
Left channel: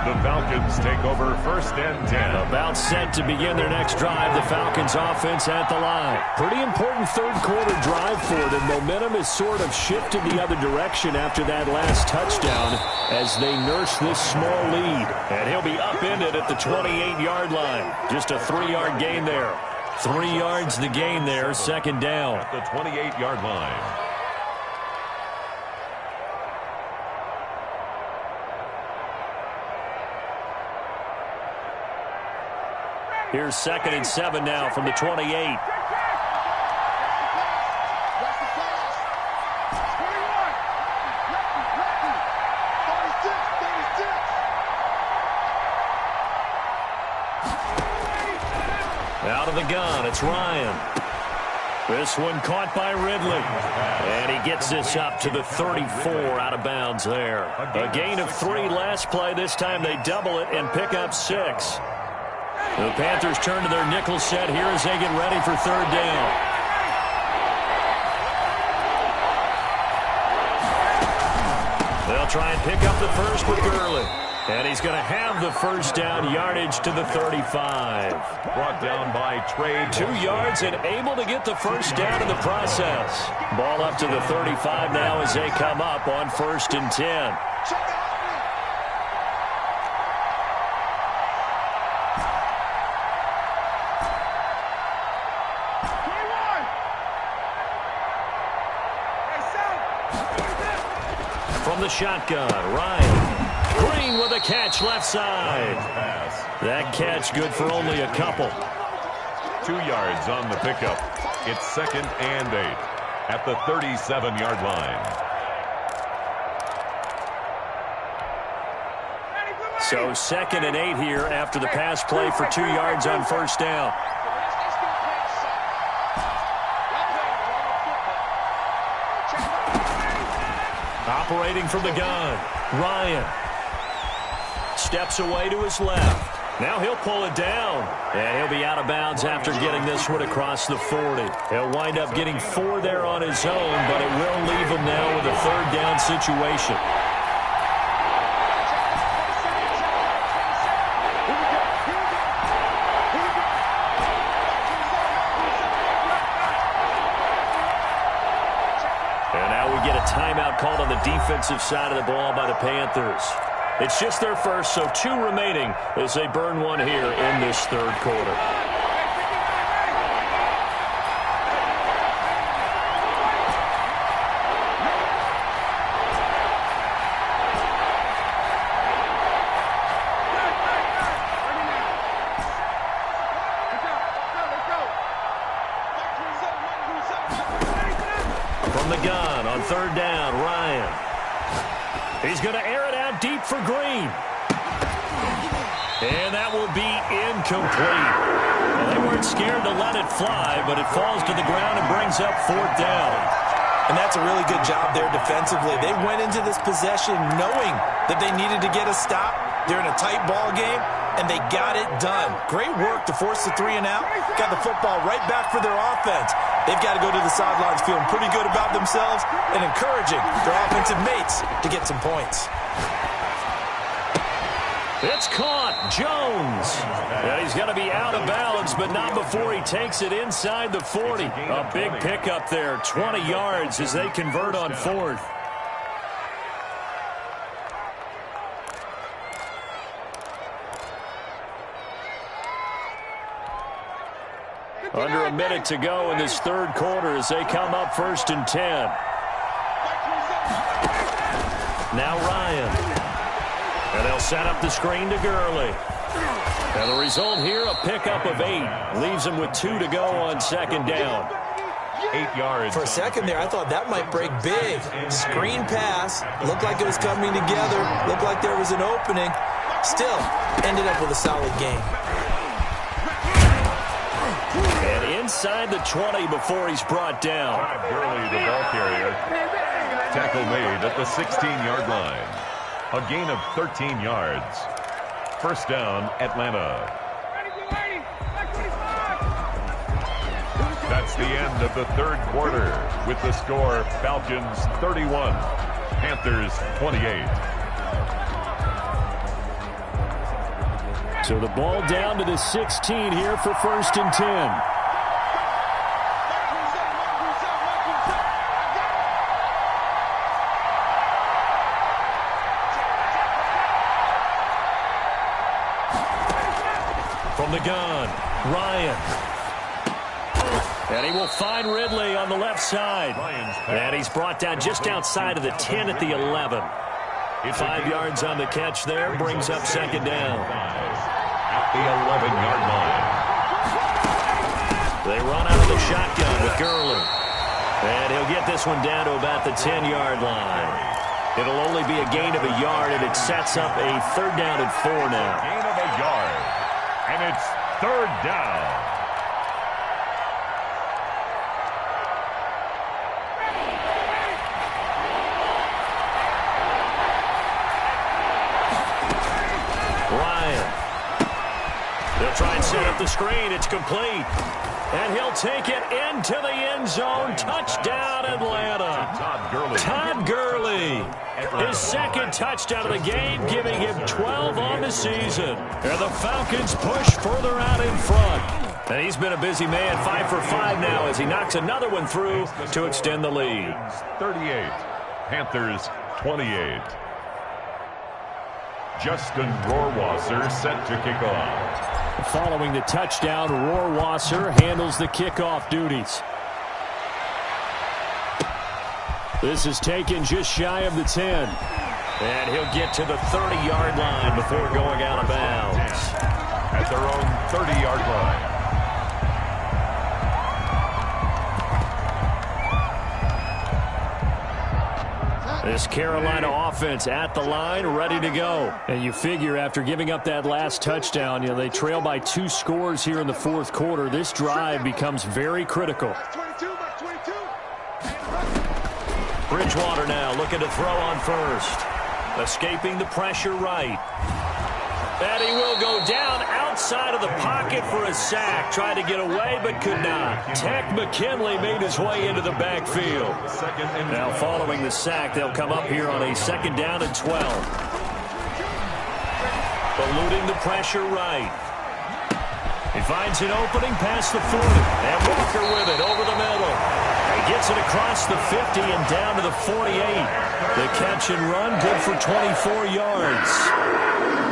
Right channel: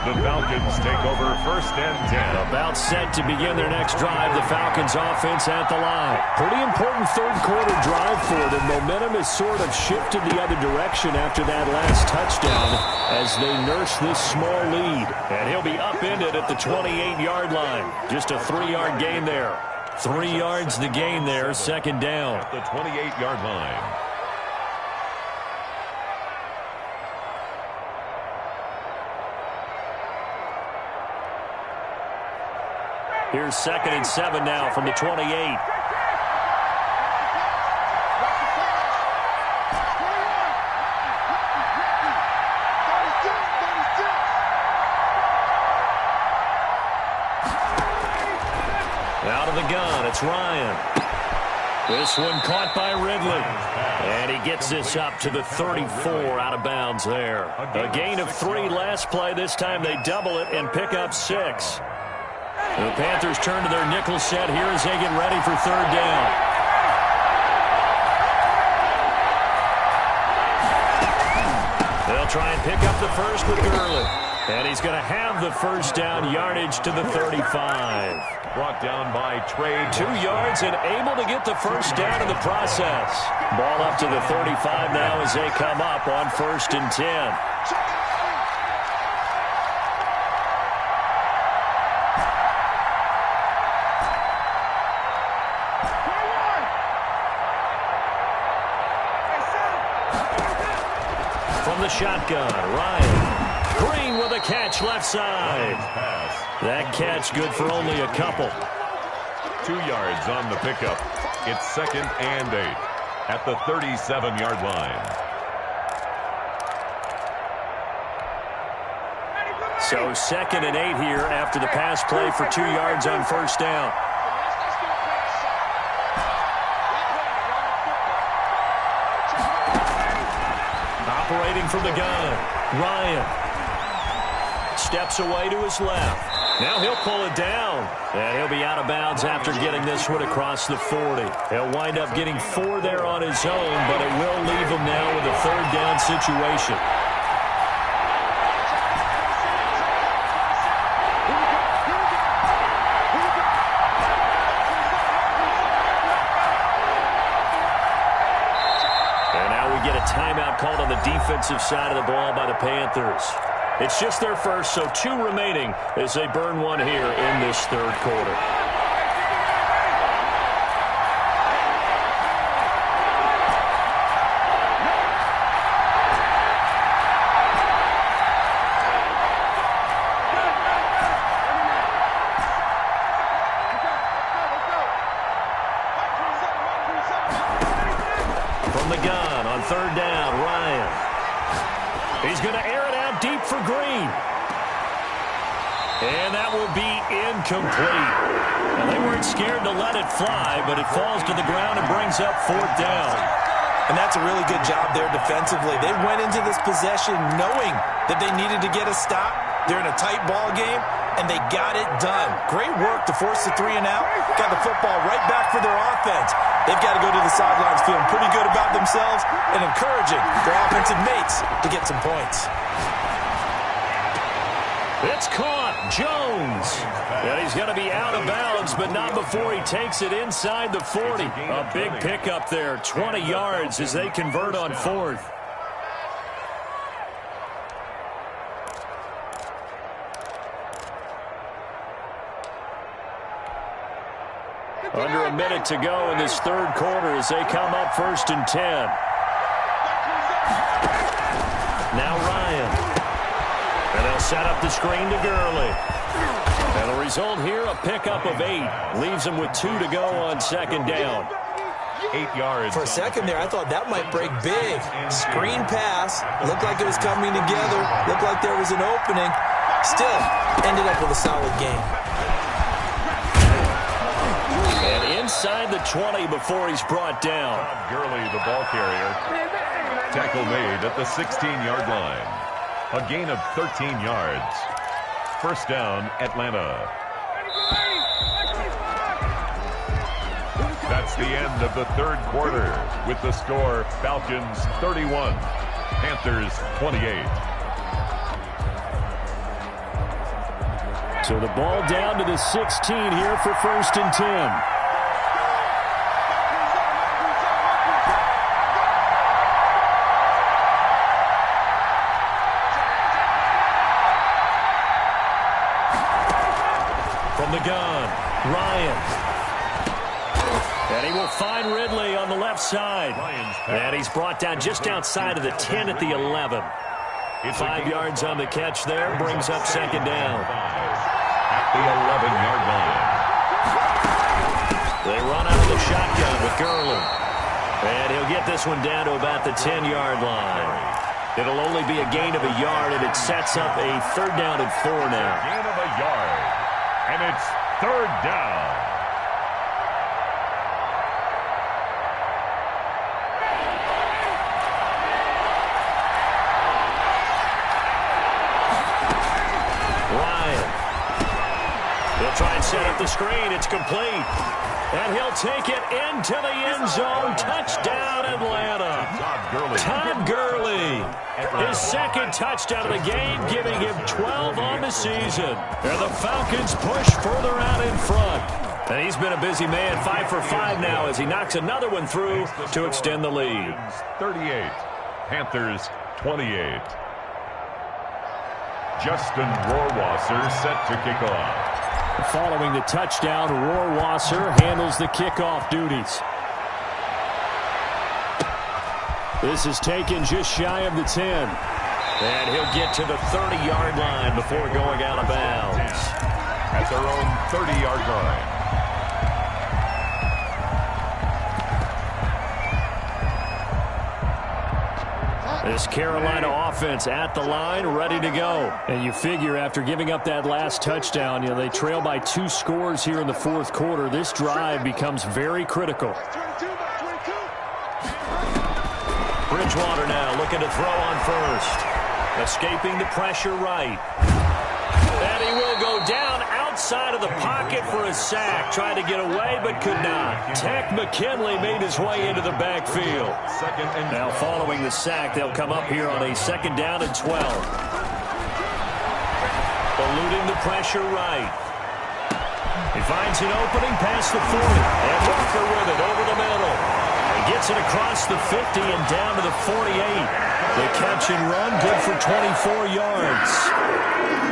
The Falcons take over 1st and 10. About set to begin their next drive. The Falcons offense at the line. Pretty important 3rd quarter drive for them. Momentum has sort of shifted the other direction after that last touchdown as they nurse this small lead. And he'll be upended at the 28-yard line. Just a 3-yard gain there. 3 yards the gain there, 2nd down. At the 28-yard line. Here's 2nd and 7 now from the 28. Out of the gun, it's Ryan. This one caught by Ridley. And he gets this up to the 34 out of bounds there. A gain of 3 last play. This time they double it and pick up 6. The Panthers turn to their nickel set here as they get ready for 3rd down. They'll try and pick up the first with Gurley. And he's going to have the 1st down, yardage to the 35. Brought down by Trey. 2 yards and able to get the 1st down in the process. Ball up to the 35 now as they come up on 1st and 10. From the shotgun, Ryan. Green with a catch left side. That catch good for only a couple. 2 yards on the pickup. It's 2nd and 8 at the 37-yard line. So 2nd and 8 here after the pass play for 2 yards on 1st down. Operating from the gun, Ryan. Steps away to his left. Now he'll pull it down. And he'll be out of bounds after getting this one across the 40. He'll wind up getting 4 there on his own, but it will leave him now with a 3rd down situation. And now we get a timeout called on the defensive side of the ball by the Panthers. It's just their first, so 2 remaining as they burn one here in this 3rd quarter. the gun on 3rd down, Ryan. He's going to air it out deep for Green. And that will be incomplete. Well, they weren't scared to let it fly, but it falls to the ground and brings up 4th down. And that's a really good job there defensively. They went into this possession knowing that they needed to get a stop. They're in a tight ball game, and they got it done. Great work to force the 3 and out. Got the football right back for their offense. They've got to go to the sidelines feeling pretty good about themselves and encouraging their offensive mates to get some points. It's caught. Jones. And he's going to be out of bounds, but not before he takes it inside the 40. A big pickup there. 20 yards as they convert on 4th. Under a minute to go in this 3rd quarter as they come up 1st and 10. Now Ryan. And they'll set up the screen to Gurley. And the result here, a pickup of 8. Leaves them with 2 to go on 2nd down. 8 yards. For a second there, I thought that might break big. Screen pass. Looked like it was coming together. Looked like there was an opening. Still, ended up with a solid game. And inside the 20 before he's brought down. Gurley, the ball carrier. Tackle made at the 16-yard line. A gain of 13 yards. 1st down, Atlanta. That's the end of the 3rd quarter with the score Falcons 31, Panthers 28. So the ball down to the 16 here for 1st and 10. From the gun, Ryan. And he will find Ridley on the left side. And he's brought down just outside of the 10 at the 11. 5 yards on the catch there, brings up 2nd down. At the 11-yard line. They run out of the shotgun with Gurley. And he'll get this one down to about the 10-yard line. It'll only be a gain of a yard, and it sets up a 3rd down and 4 now. Gain of a yard. And it's 3rd down. Ryan. They'll try and set up the screen. It's complete. And he'll take it into the end zone. Touchdown, Atlanta. Todd Gurley. His 2nd touchdown of the game, giving him 12 on the season. And the Falcons push further out in front. And he's been a busy man, 5 for 5 now as he knocks another one through to extend the lead. 38, Panthers 28. Justin Rohrwasser set to kick off. Following the touchdown, Rohrwasser handles the kickoff duties. This is taken just shy of the 10. And he'll get to the 30-yard line before going out of bounds. At their own 30-yard line. This Carolina offense at the line, ready to go. And you figure after giving up that last touchdown, they trail by 2 scores here in the 4th quarter. This drive becomes very critical. Bridgewater now looking to throw on 1st. Escaping the pressure right. And he will go down outside of the pocket for a sack. Tried to get away, but could not. Tech McKinley made his way into the backfield. Now following the sack, they'll come up here on a 2nd down and 12. Eluding the pressure right. He finds an opening past the 40. And Walker with it over the middle. He gets it across the 50 and down to the 48. The catch and run good for 24 yards.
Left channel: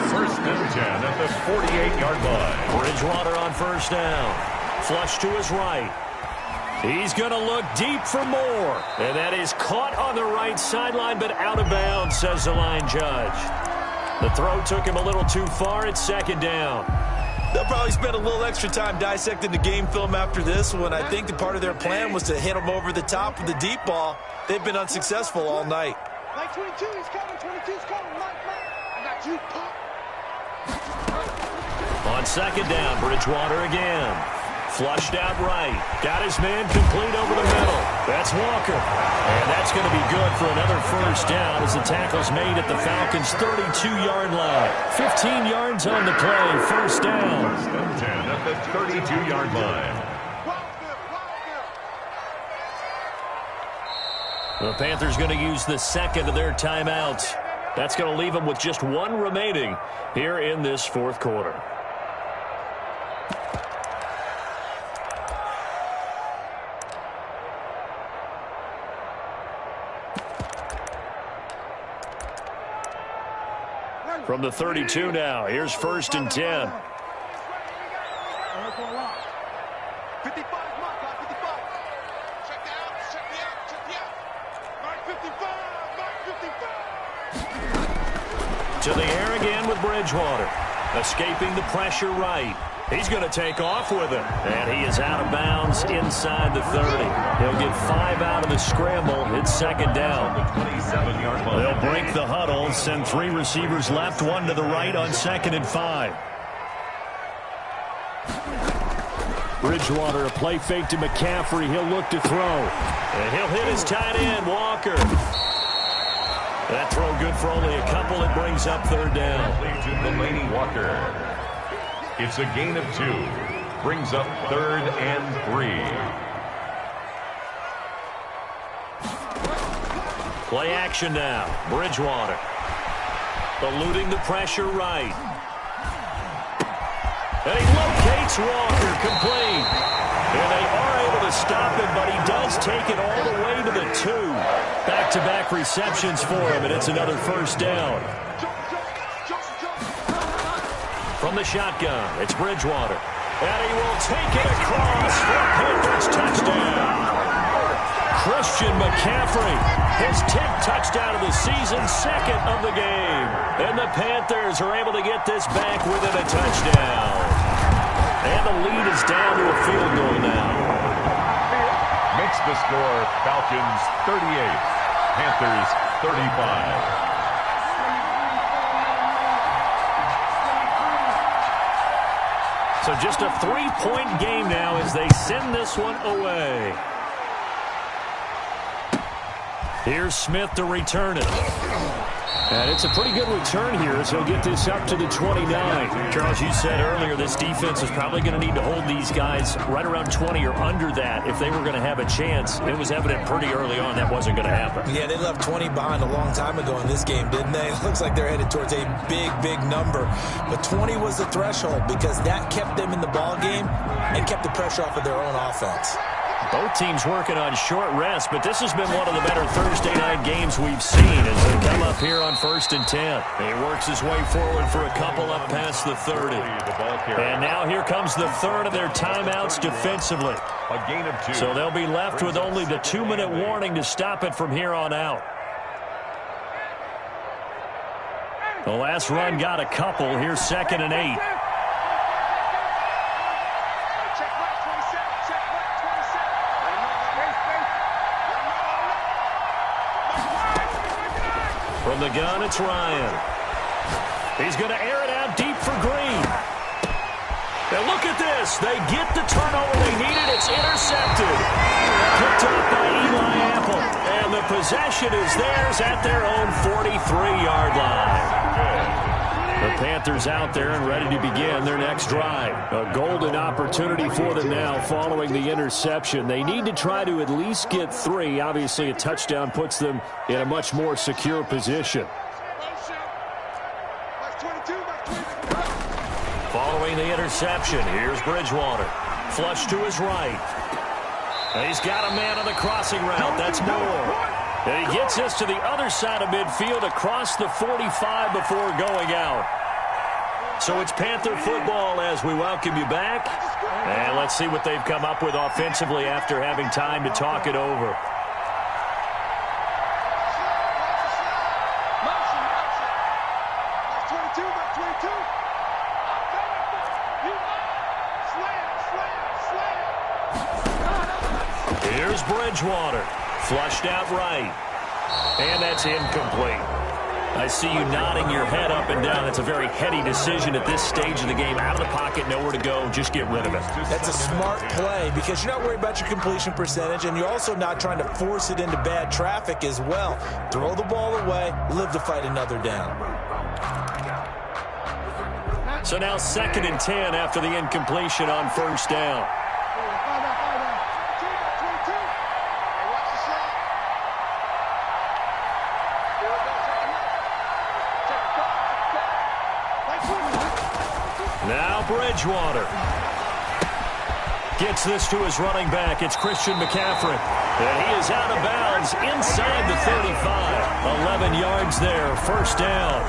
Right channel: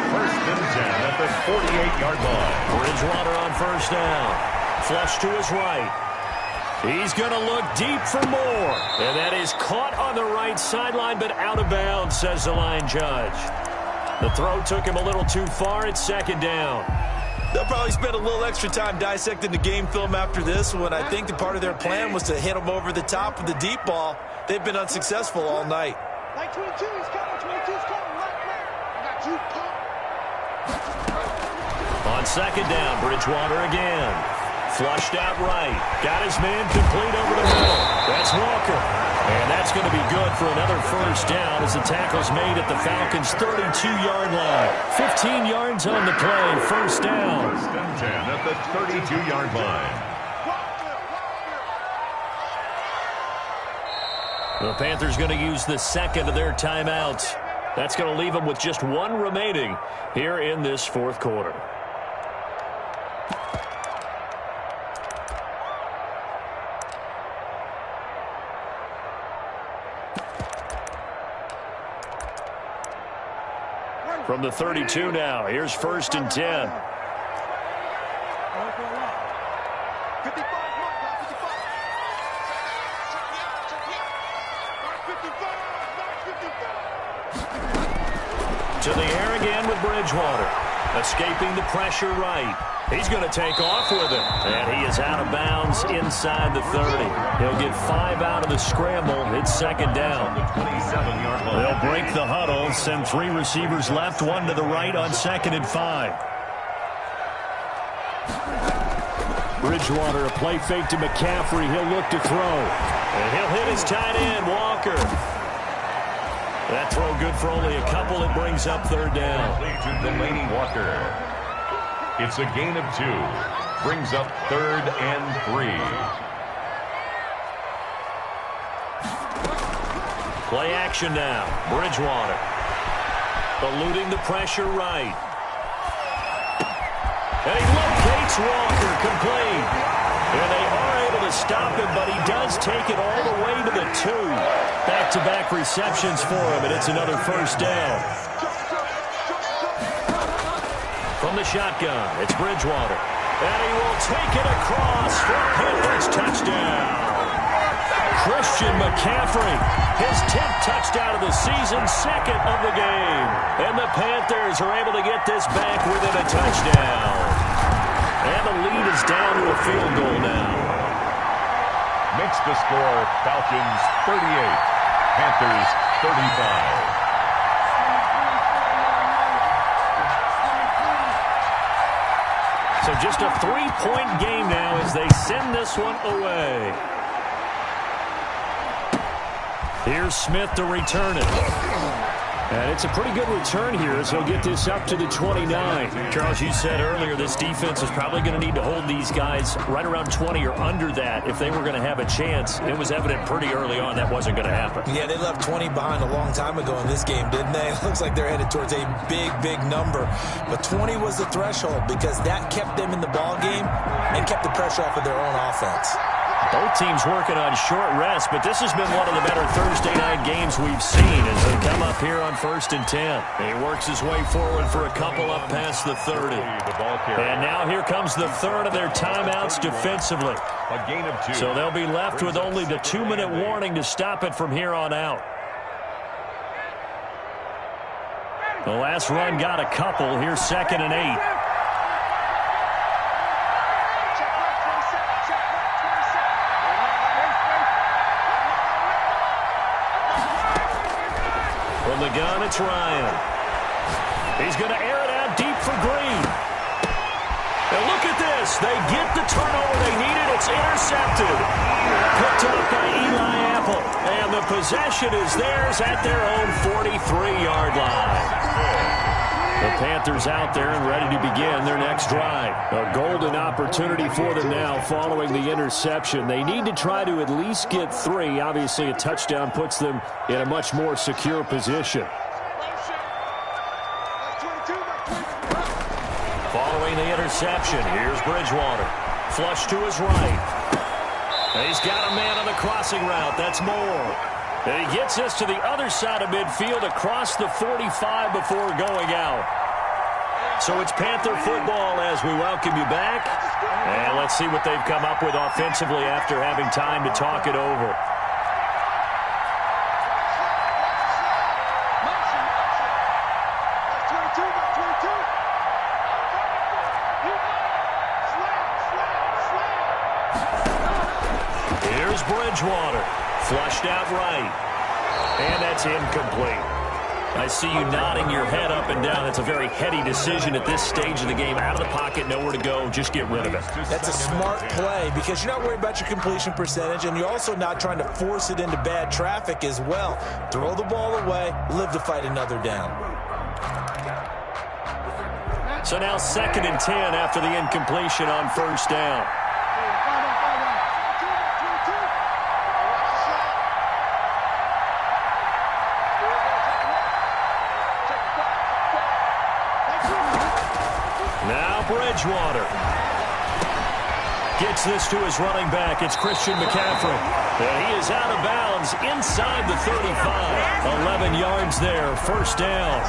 1st and 10 at the 48-yard line. Bridgewater on 1st down. Flush to his right. He's going to look deep for more. And that is caught on the right sideline, but out of bounds, says the line judge. The throw took him a little too far. It's 2nd down. They'll probably spend a little extra time dissecting the game film after this one. I think the part of their plan was to hit them over the top with the deep ball. they've been unsuccessful all night. Like 22, he's coming. 22's coming. Mike. I got you, punk. On second down, Bridgewater again. Flushed out right. Got his man complete over the middle. That's Walker. And that's going to be good for another first down as the tackle's made at the Falcons' 32-yard line. 15 yards on the play. First down. 1st and 10 at the 32-yard line. The Panthers going to use the second of their timeouts. That's going to leave them with just one remaining here in this fourth quarter. From the 32 now, here's 1st and 10. 55, Mike, 55. Check me out. Mark 55. To the air again with Bridgewater. Escaping the pressure right. He's going to take off with it. And he is out of bounds inside the 30. He'll get 5 out of the scramble. It's second down. The 27-yard line. They'll break the huddle. Send 3 receivers left, 1 to the right on 2nd and 5. Bridgewater, a play fake to McCaffrey. He'll look to throw. And he'll hit his tight end, Walker. That throw good for only a couple. It brings up 3rd down. To Delaney Walker. It's a gain of 2. Brings up 3rd and 3. Play action now. Bridgewater. Eluding the pressure right. And he locates Walker, complete. And they are able to stop him, but he does take it all the way to the 2. Back-to-back receptions for him, and it's another first down. From the shotgun, it's Bridgewater. And he will take it across for a Panthers touchdown. Christian McCaffrey, his 10th touchdown of the season, 2nd of the game. And the Panthers are able to get this back within a touchdown. And the lead is down to a field goal now. Makes the score Falcons 38, Panthers 35. So just a 3-point game now as they send this one away. Here's Smith to return it. And it's a pretty good return here as he'll get this up to the 29. Charles, you said earlier this defense is probably going to need to hold these guys right around 20 or under that if they were going to have a chance. It was evident pretty early on that wasn't going to happen. Yeah, they left 20 behind a long time ago in this game, didn't they? It looks like they're headed towards a big number. But 20 was the threshold because that kept them in the ball game and kept the pressure off of their own offense. Both teams working on short rest, but this has been one of the better Thursday night games we've seen as they come up here on 1st and 10. He works his way forward for a couple up past the 30. And now here comes the 3rd of their timeouts defensively. A gain of 2. So they'll be left with only the 2-minute warning to stop it from here on out. The last run got a couple. Here's 2nd and 8. From the gun, it's Ryan. He's going to air it out deep for Green. Now look at this. They get the turnover they needed. It's intercepted. Picked up by Eli Apple. And the possession is theirs at their own 43-yard line. The Panthers out there and ready to begin their next drive. A golden opportunity for them now following the interception. They need to try to at least get 3. Obviously, a touchdown puts them in a much more secure position. Following the interception, here's Bridgewater. Flush to his right. And he's got a man on the crossing route. That's Moore. And he gets this to the other side of midfield across the 45 before going out. So it's Panther football as we welcome you back. And let's see what they've come up with offensively after having time to talk it over. Here's Bridgewater. Flushed out right. And that's incomplete. I see you nodding your head up and down. That's a very heady decision at this stage of the game. Out of the pocket, nowhere to go. Just get rid of it. That's a smart play because you're not worried about your completion percentage, and you're also not trying to force it into bad traffic as well. Throw the ball away, live to fight another down. So now 2nd and 10 after the incompletion on first down. Now Bridgewater gets this to his running back. It's Christian McCaffrey. And he is out of bounds inside the 35. 11 yards there, first down.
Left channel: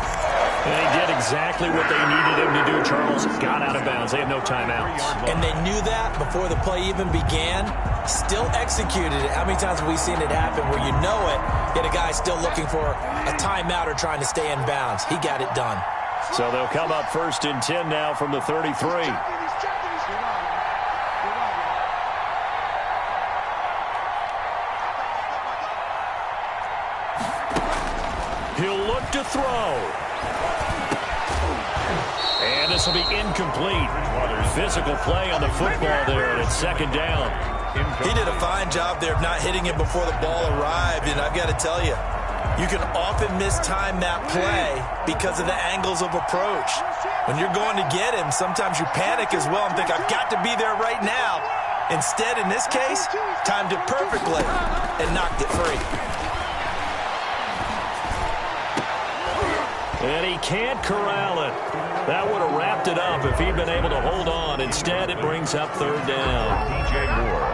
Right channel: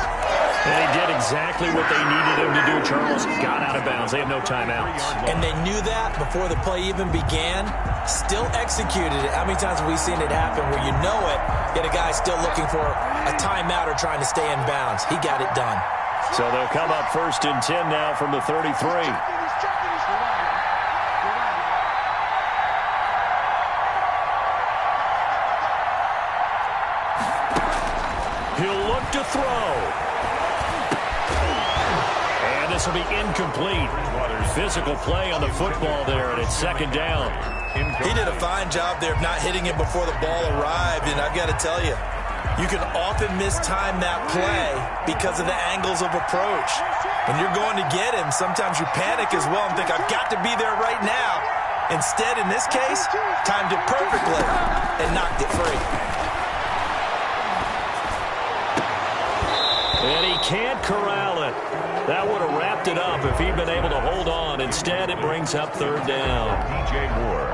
And he did exactly what they needed him to do, Charles. Got out of bounds. They had no timeouts. And they knew that before the play even began. Still executed it. How many times have we seen it happen where you know it, yet a guy's still looking for a timeout or trying to stay in bounds? He got it done. So they'll come up 1st and 10 now from the 33. He'll look to throw. And this will be incomplete. Physical play on the football there, and it's 2nd down. He did a fine job there of not hitting it before the ball arrived, and I've got to tell you, you can often mistime that play because of the angles of approach. When you're going to get him, sometimes you panic as well and think, I've got to be there right now. Instead, in this case, timed it perfectly and knocked it free. And he can't corral it. That would have wrapped it up if he'd been able to hold on. Instead, it brings up 3rd down. DJ Moore.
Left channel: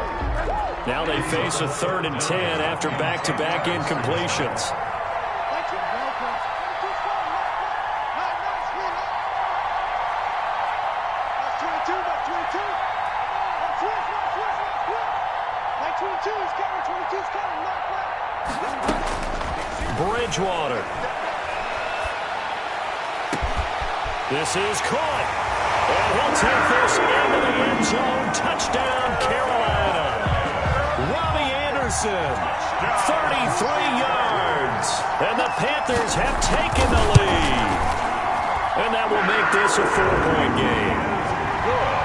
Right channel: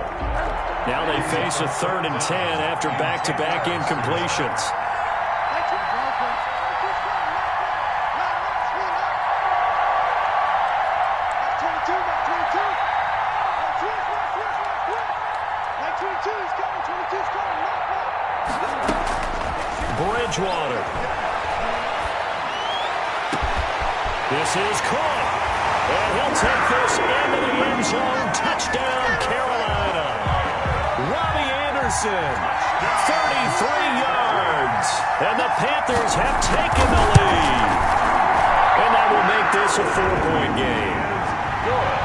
Now they face a 3rd and 10 after back-to-back incompletions. Bridgewater. This is caught. And he'll take this into the end zone. Touchdown, Carolina. Robbie Anderson, 33 yards. And the Panthers have taken the lead. And that will make this a 4-point game. Good.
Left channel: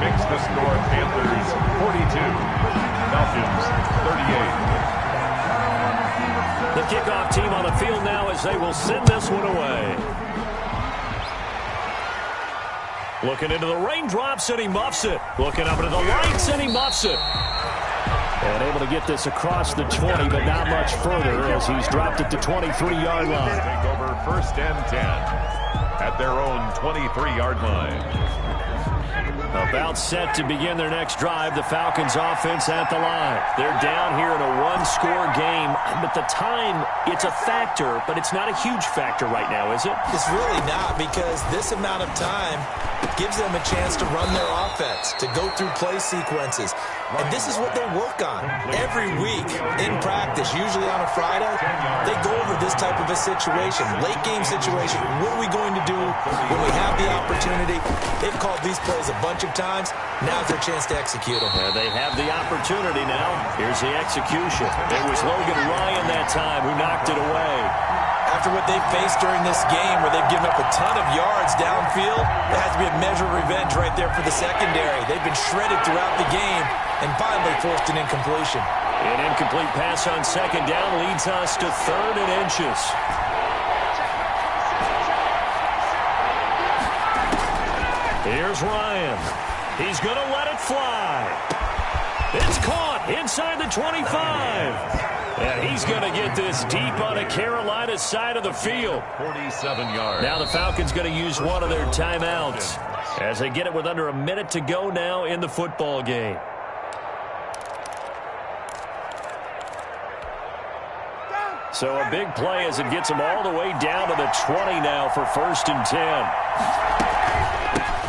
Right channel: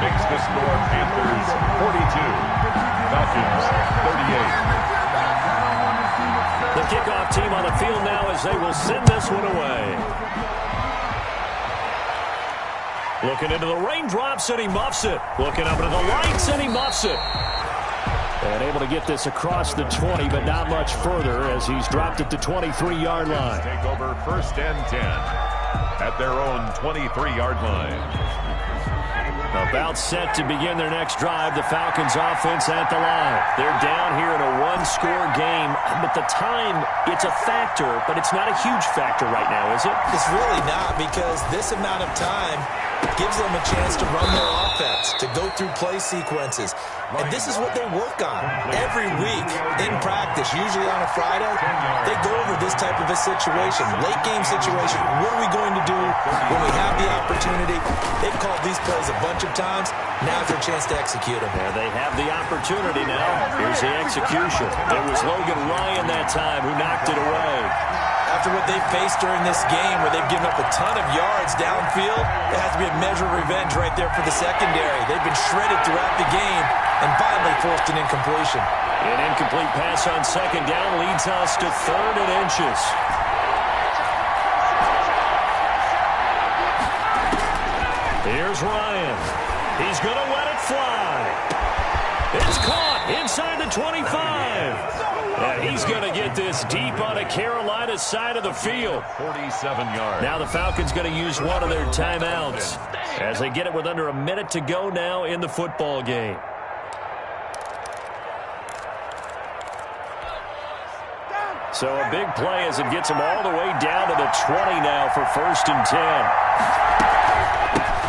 Makes the score Panthers 42. Falcons 38. The kickoff team on the field now as they will send this one away. Looking into the raindrops, and he muffs it. Looking up into the lights, and he muffs it. And able to get this across the 20, but not much further as he's dropped it to 23-yard line. Take over 1st and 10 at their own 23-yard line. About set to begin their next drive, the Falcons offense at the line. They're down here in a 1-score game, but the time, it's a factor, but it's not a huge factor right now, is it? It's really not, because this amount of time gives them a chance to run their offense, to go through play sequences. And this is what they work on every week in practice, usually on a Friday. They go over this type of a situation, late game situation. What are we going to do when we have the opportunity? They've called these plays a bunch of times. Now's their chance to execute them. Yeah, they have the opportunity now. Here's the execution. It was Logan Ryan that time who knocked it away. After what they've faced during this game where they've given up a ton of yards downfield, there has to be a measure of revenge right there for the secondary. They've been shredded throughout the game and finally forced an incompletion. An incomplete pass on 2nd down leads us to 3rd and inches. Here's Ryan. He's going to let it fly. It's caught inside the 25. And he's going to get this deep on a Carolina side of the field. 47 yards. Now the Falcons going to use one of their timeouts as they get it with under a minute to go now in the football game. So a big play as it gets them all the way down to the 20 now for 1st and 10.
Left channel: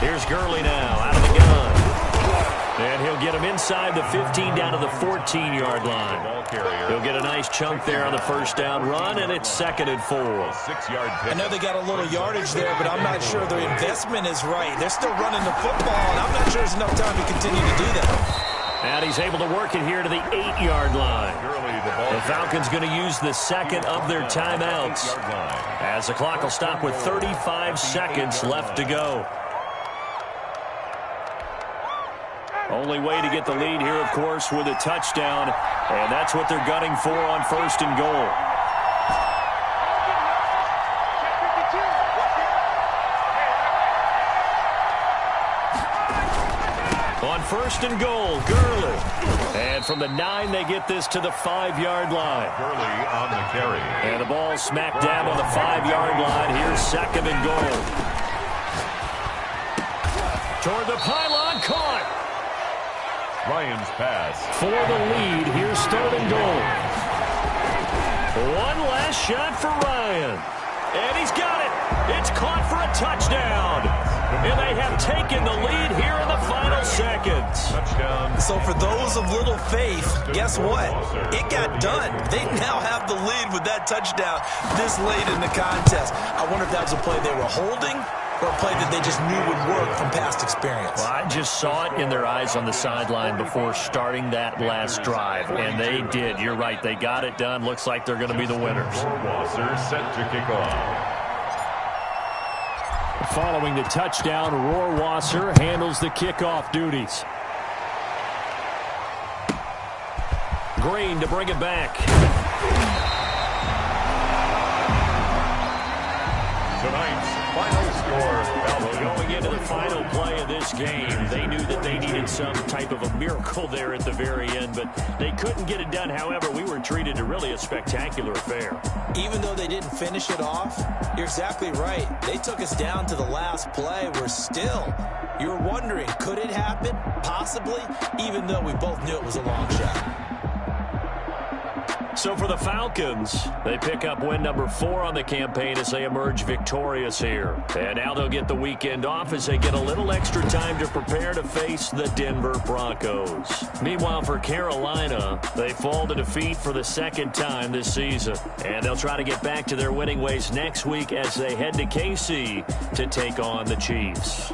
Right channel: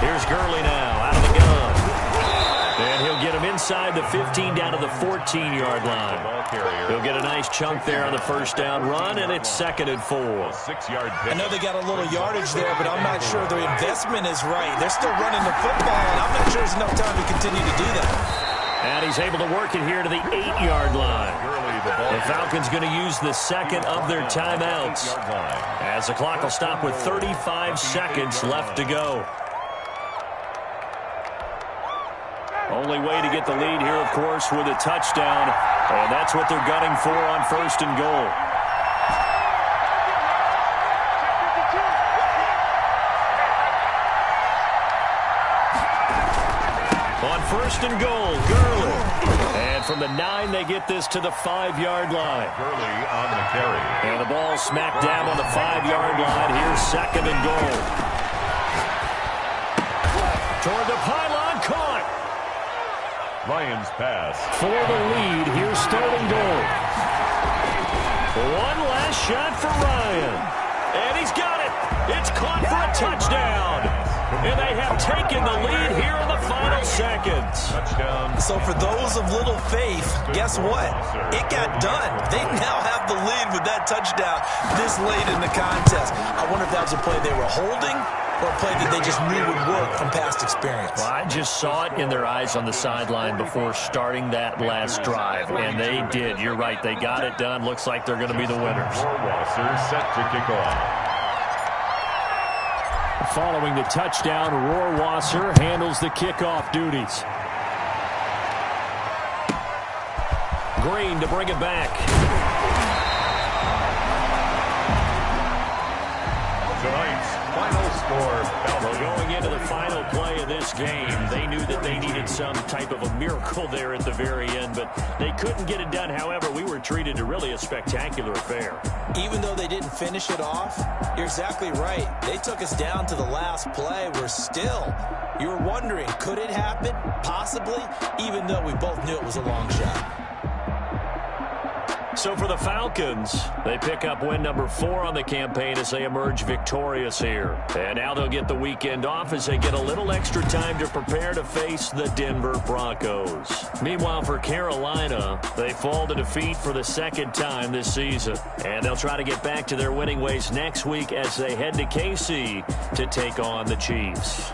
Here's Gurley now out of the gun. And he'll get him inside the 15 down to the 14-yard line. He'll get a nice chunk there on the 1st down run, and it's 2nd and 4. 6-yard I know they got a little yardage there, but I'm not sure the investment is right. They're still running the football, and I'm not sure there's enough time to continue to do that. And he's able to work it here to the 8-yard line. The Falcons going to use the second of their timeouts, as the clock will stop with 35 seconds left to go. Only way to get the lead here, of course, with a touchdown, and that's what they're gunning for on 1st and goal. On 1st and goal, Gurley. And from the 9, they get this to the 5-yard line. Gurley on the carry. And the ball smacked down on the 5-yard line. Here's 2nd and goal. Toward the pylon, caught. Ryan's pass. For the lead, here's 3rd and goal. One last shot for Ryan. And he's got it. It's caught for a touchdown. And they have taken the lead here in the final seconds. Touchdown. So for those of little faith, guess what? It got done. They now have the lead with that touchdown this late in the contest. I wonder if that was a play they were holding or a play that they just knew would work from past experience. Well, I just saw it in their eyes on the sideline before starting that last drive, and they did. You're right. They got it done. Looks like they're going to be the winners. Rohrwasser set to kick off. Following the touchdown, Rohrwasser handles the kickoff duties. Green to bring it back. Tonight's final score. Well, going into the final play of this game, they knew that they needed some type of a miracle there at the very end, but they couldn't get it done. However, we were treated to really a spectacular affair. Even though they didn't finish it off, you're exactly right. They took us down to the last play. We're still, you're wondering, could it happen? Possibly, even though we both knew it was a long shot. So for the Falcons, they pick up win number 4 on the campaign as they emerge victorious here. And now they'll get the weekend off as they get a little extra time to prepare to face the Denver Broncos. Meanwhile, for Carolina, they fall to defeat for the 2nd time this season. And they'll try to get back to their winning ways next week as they head to KC to take on the Chiefs.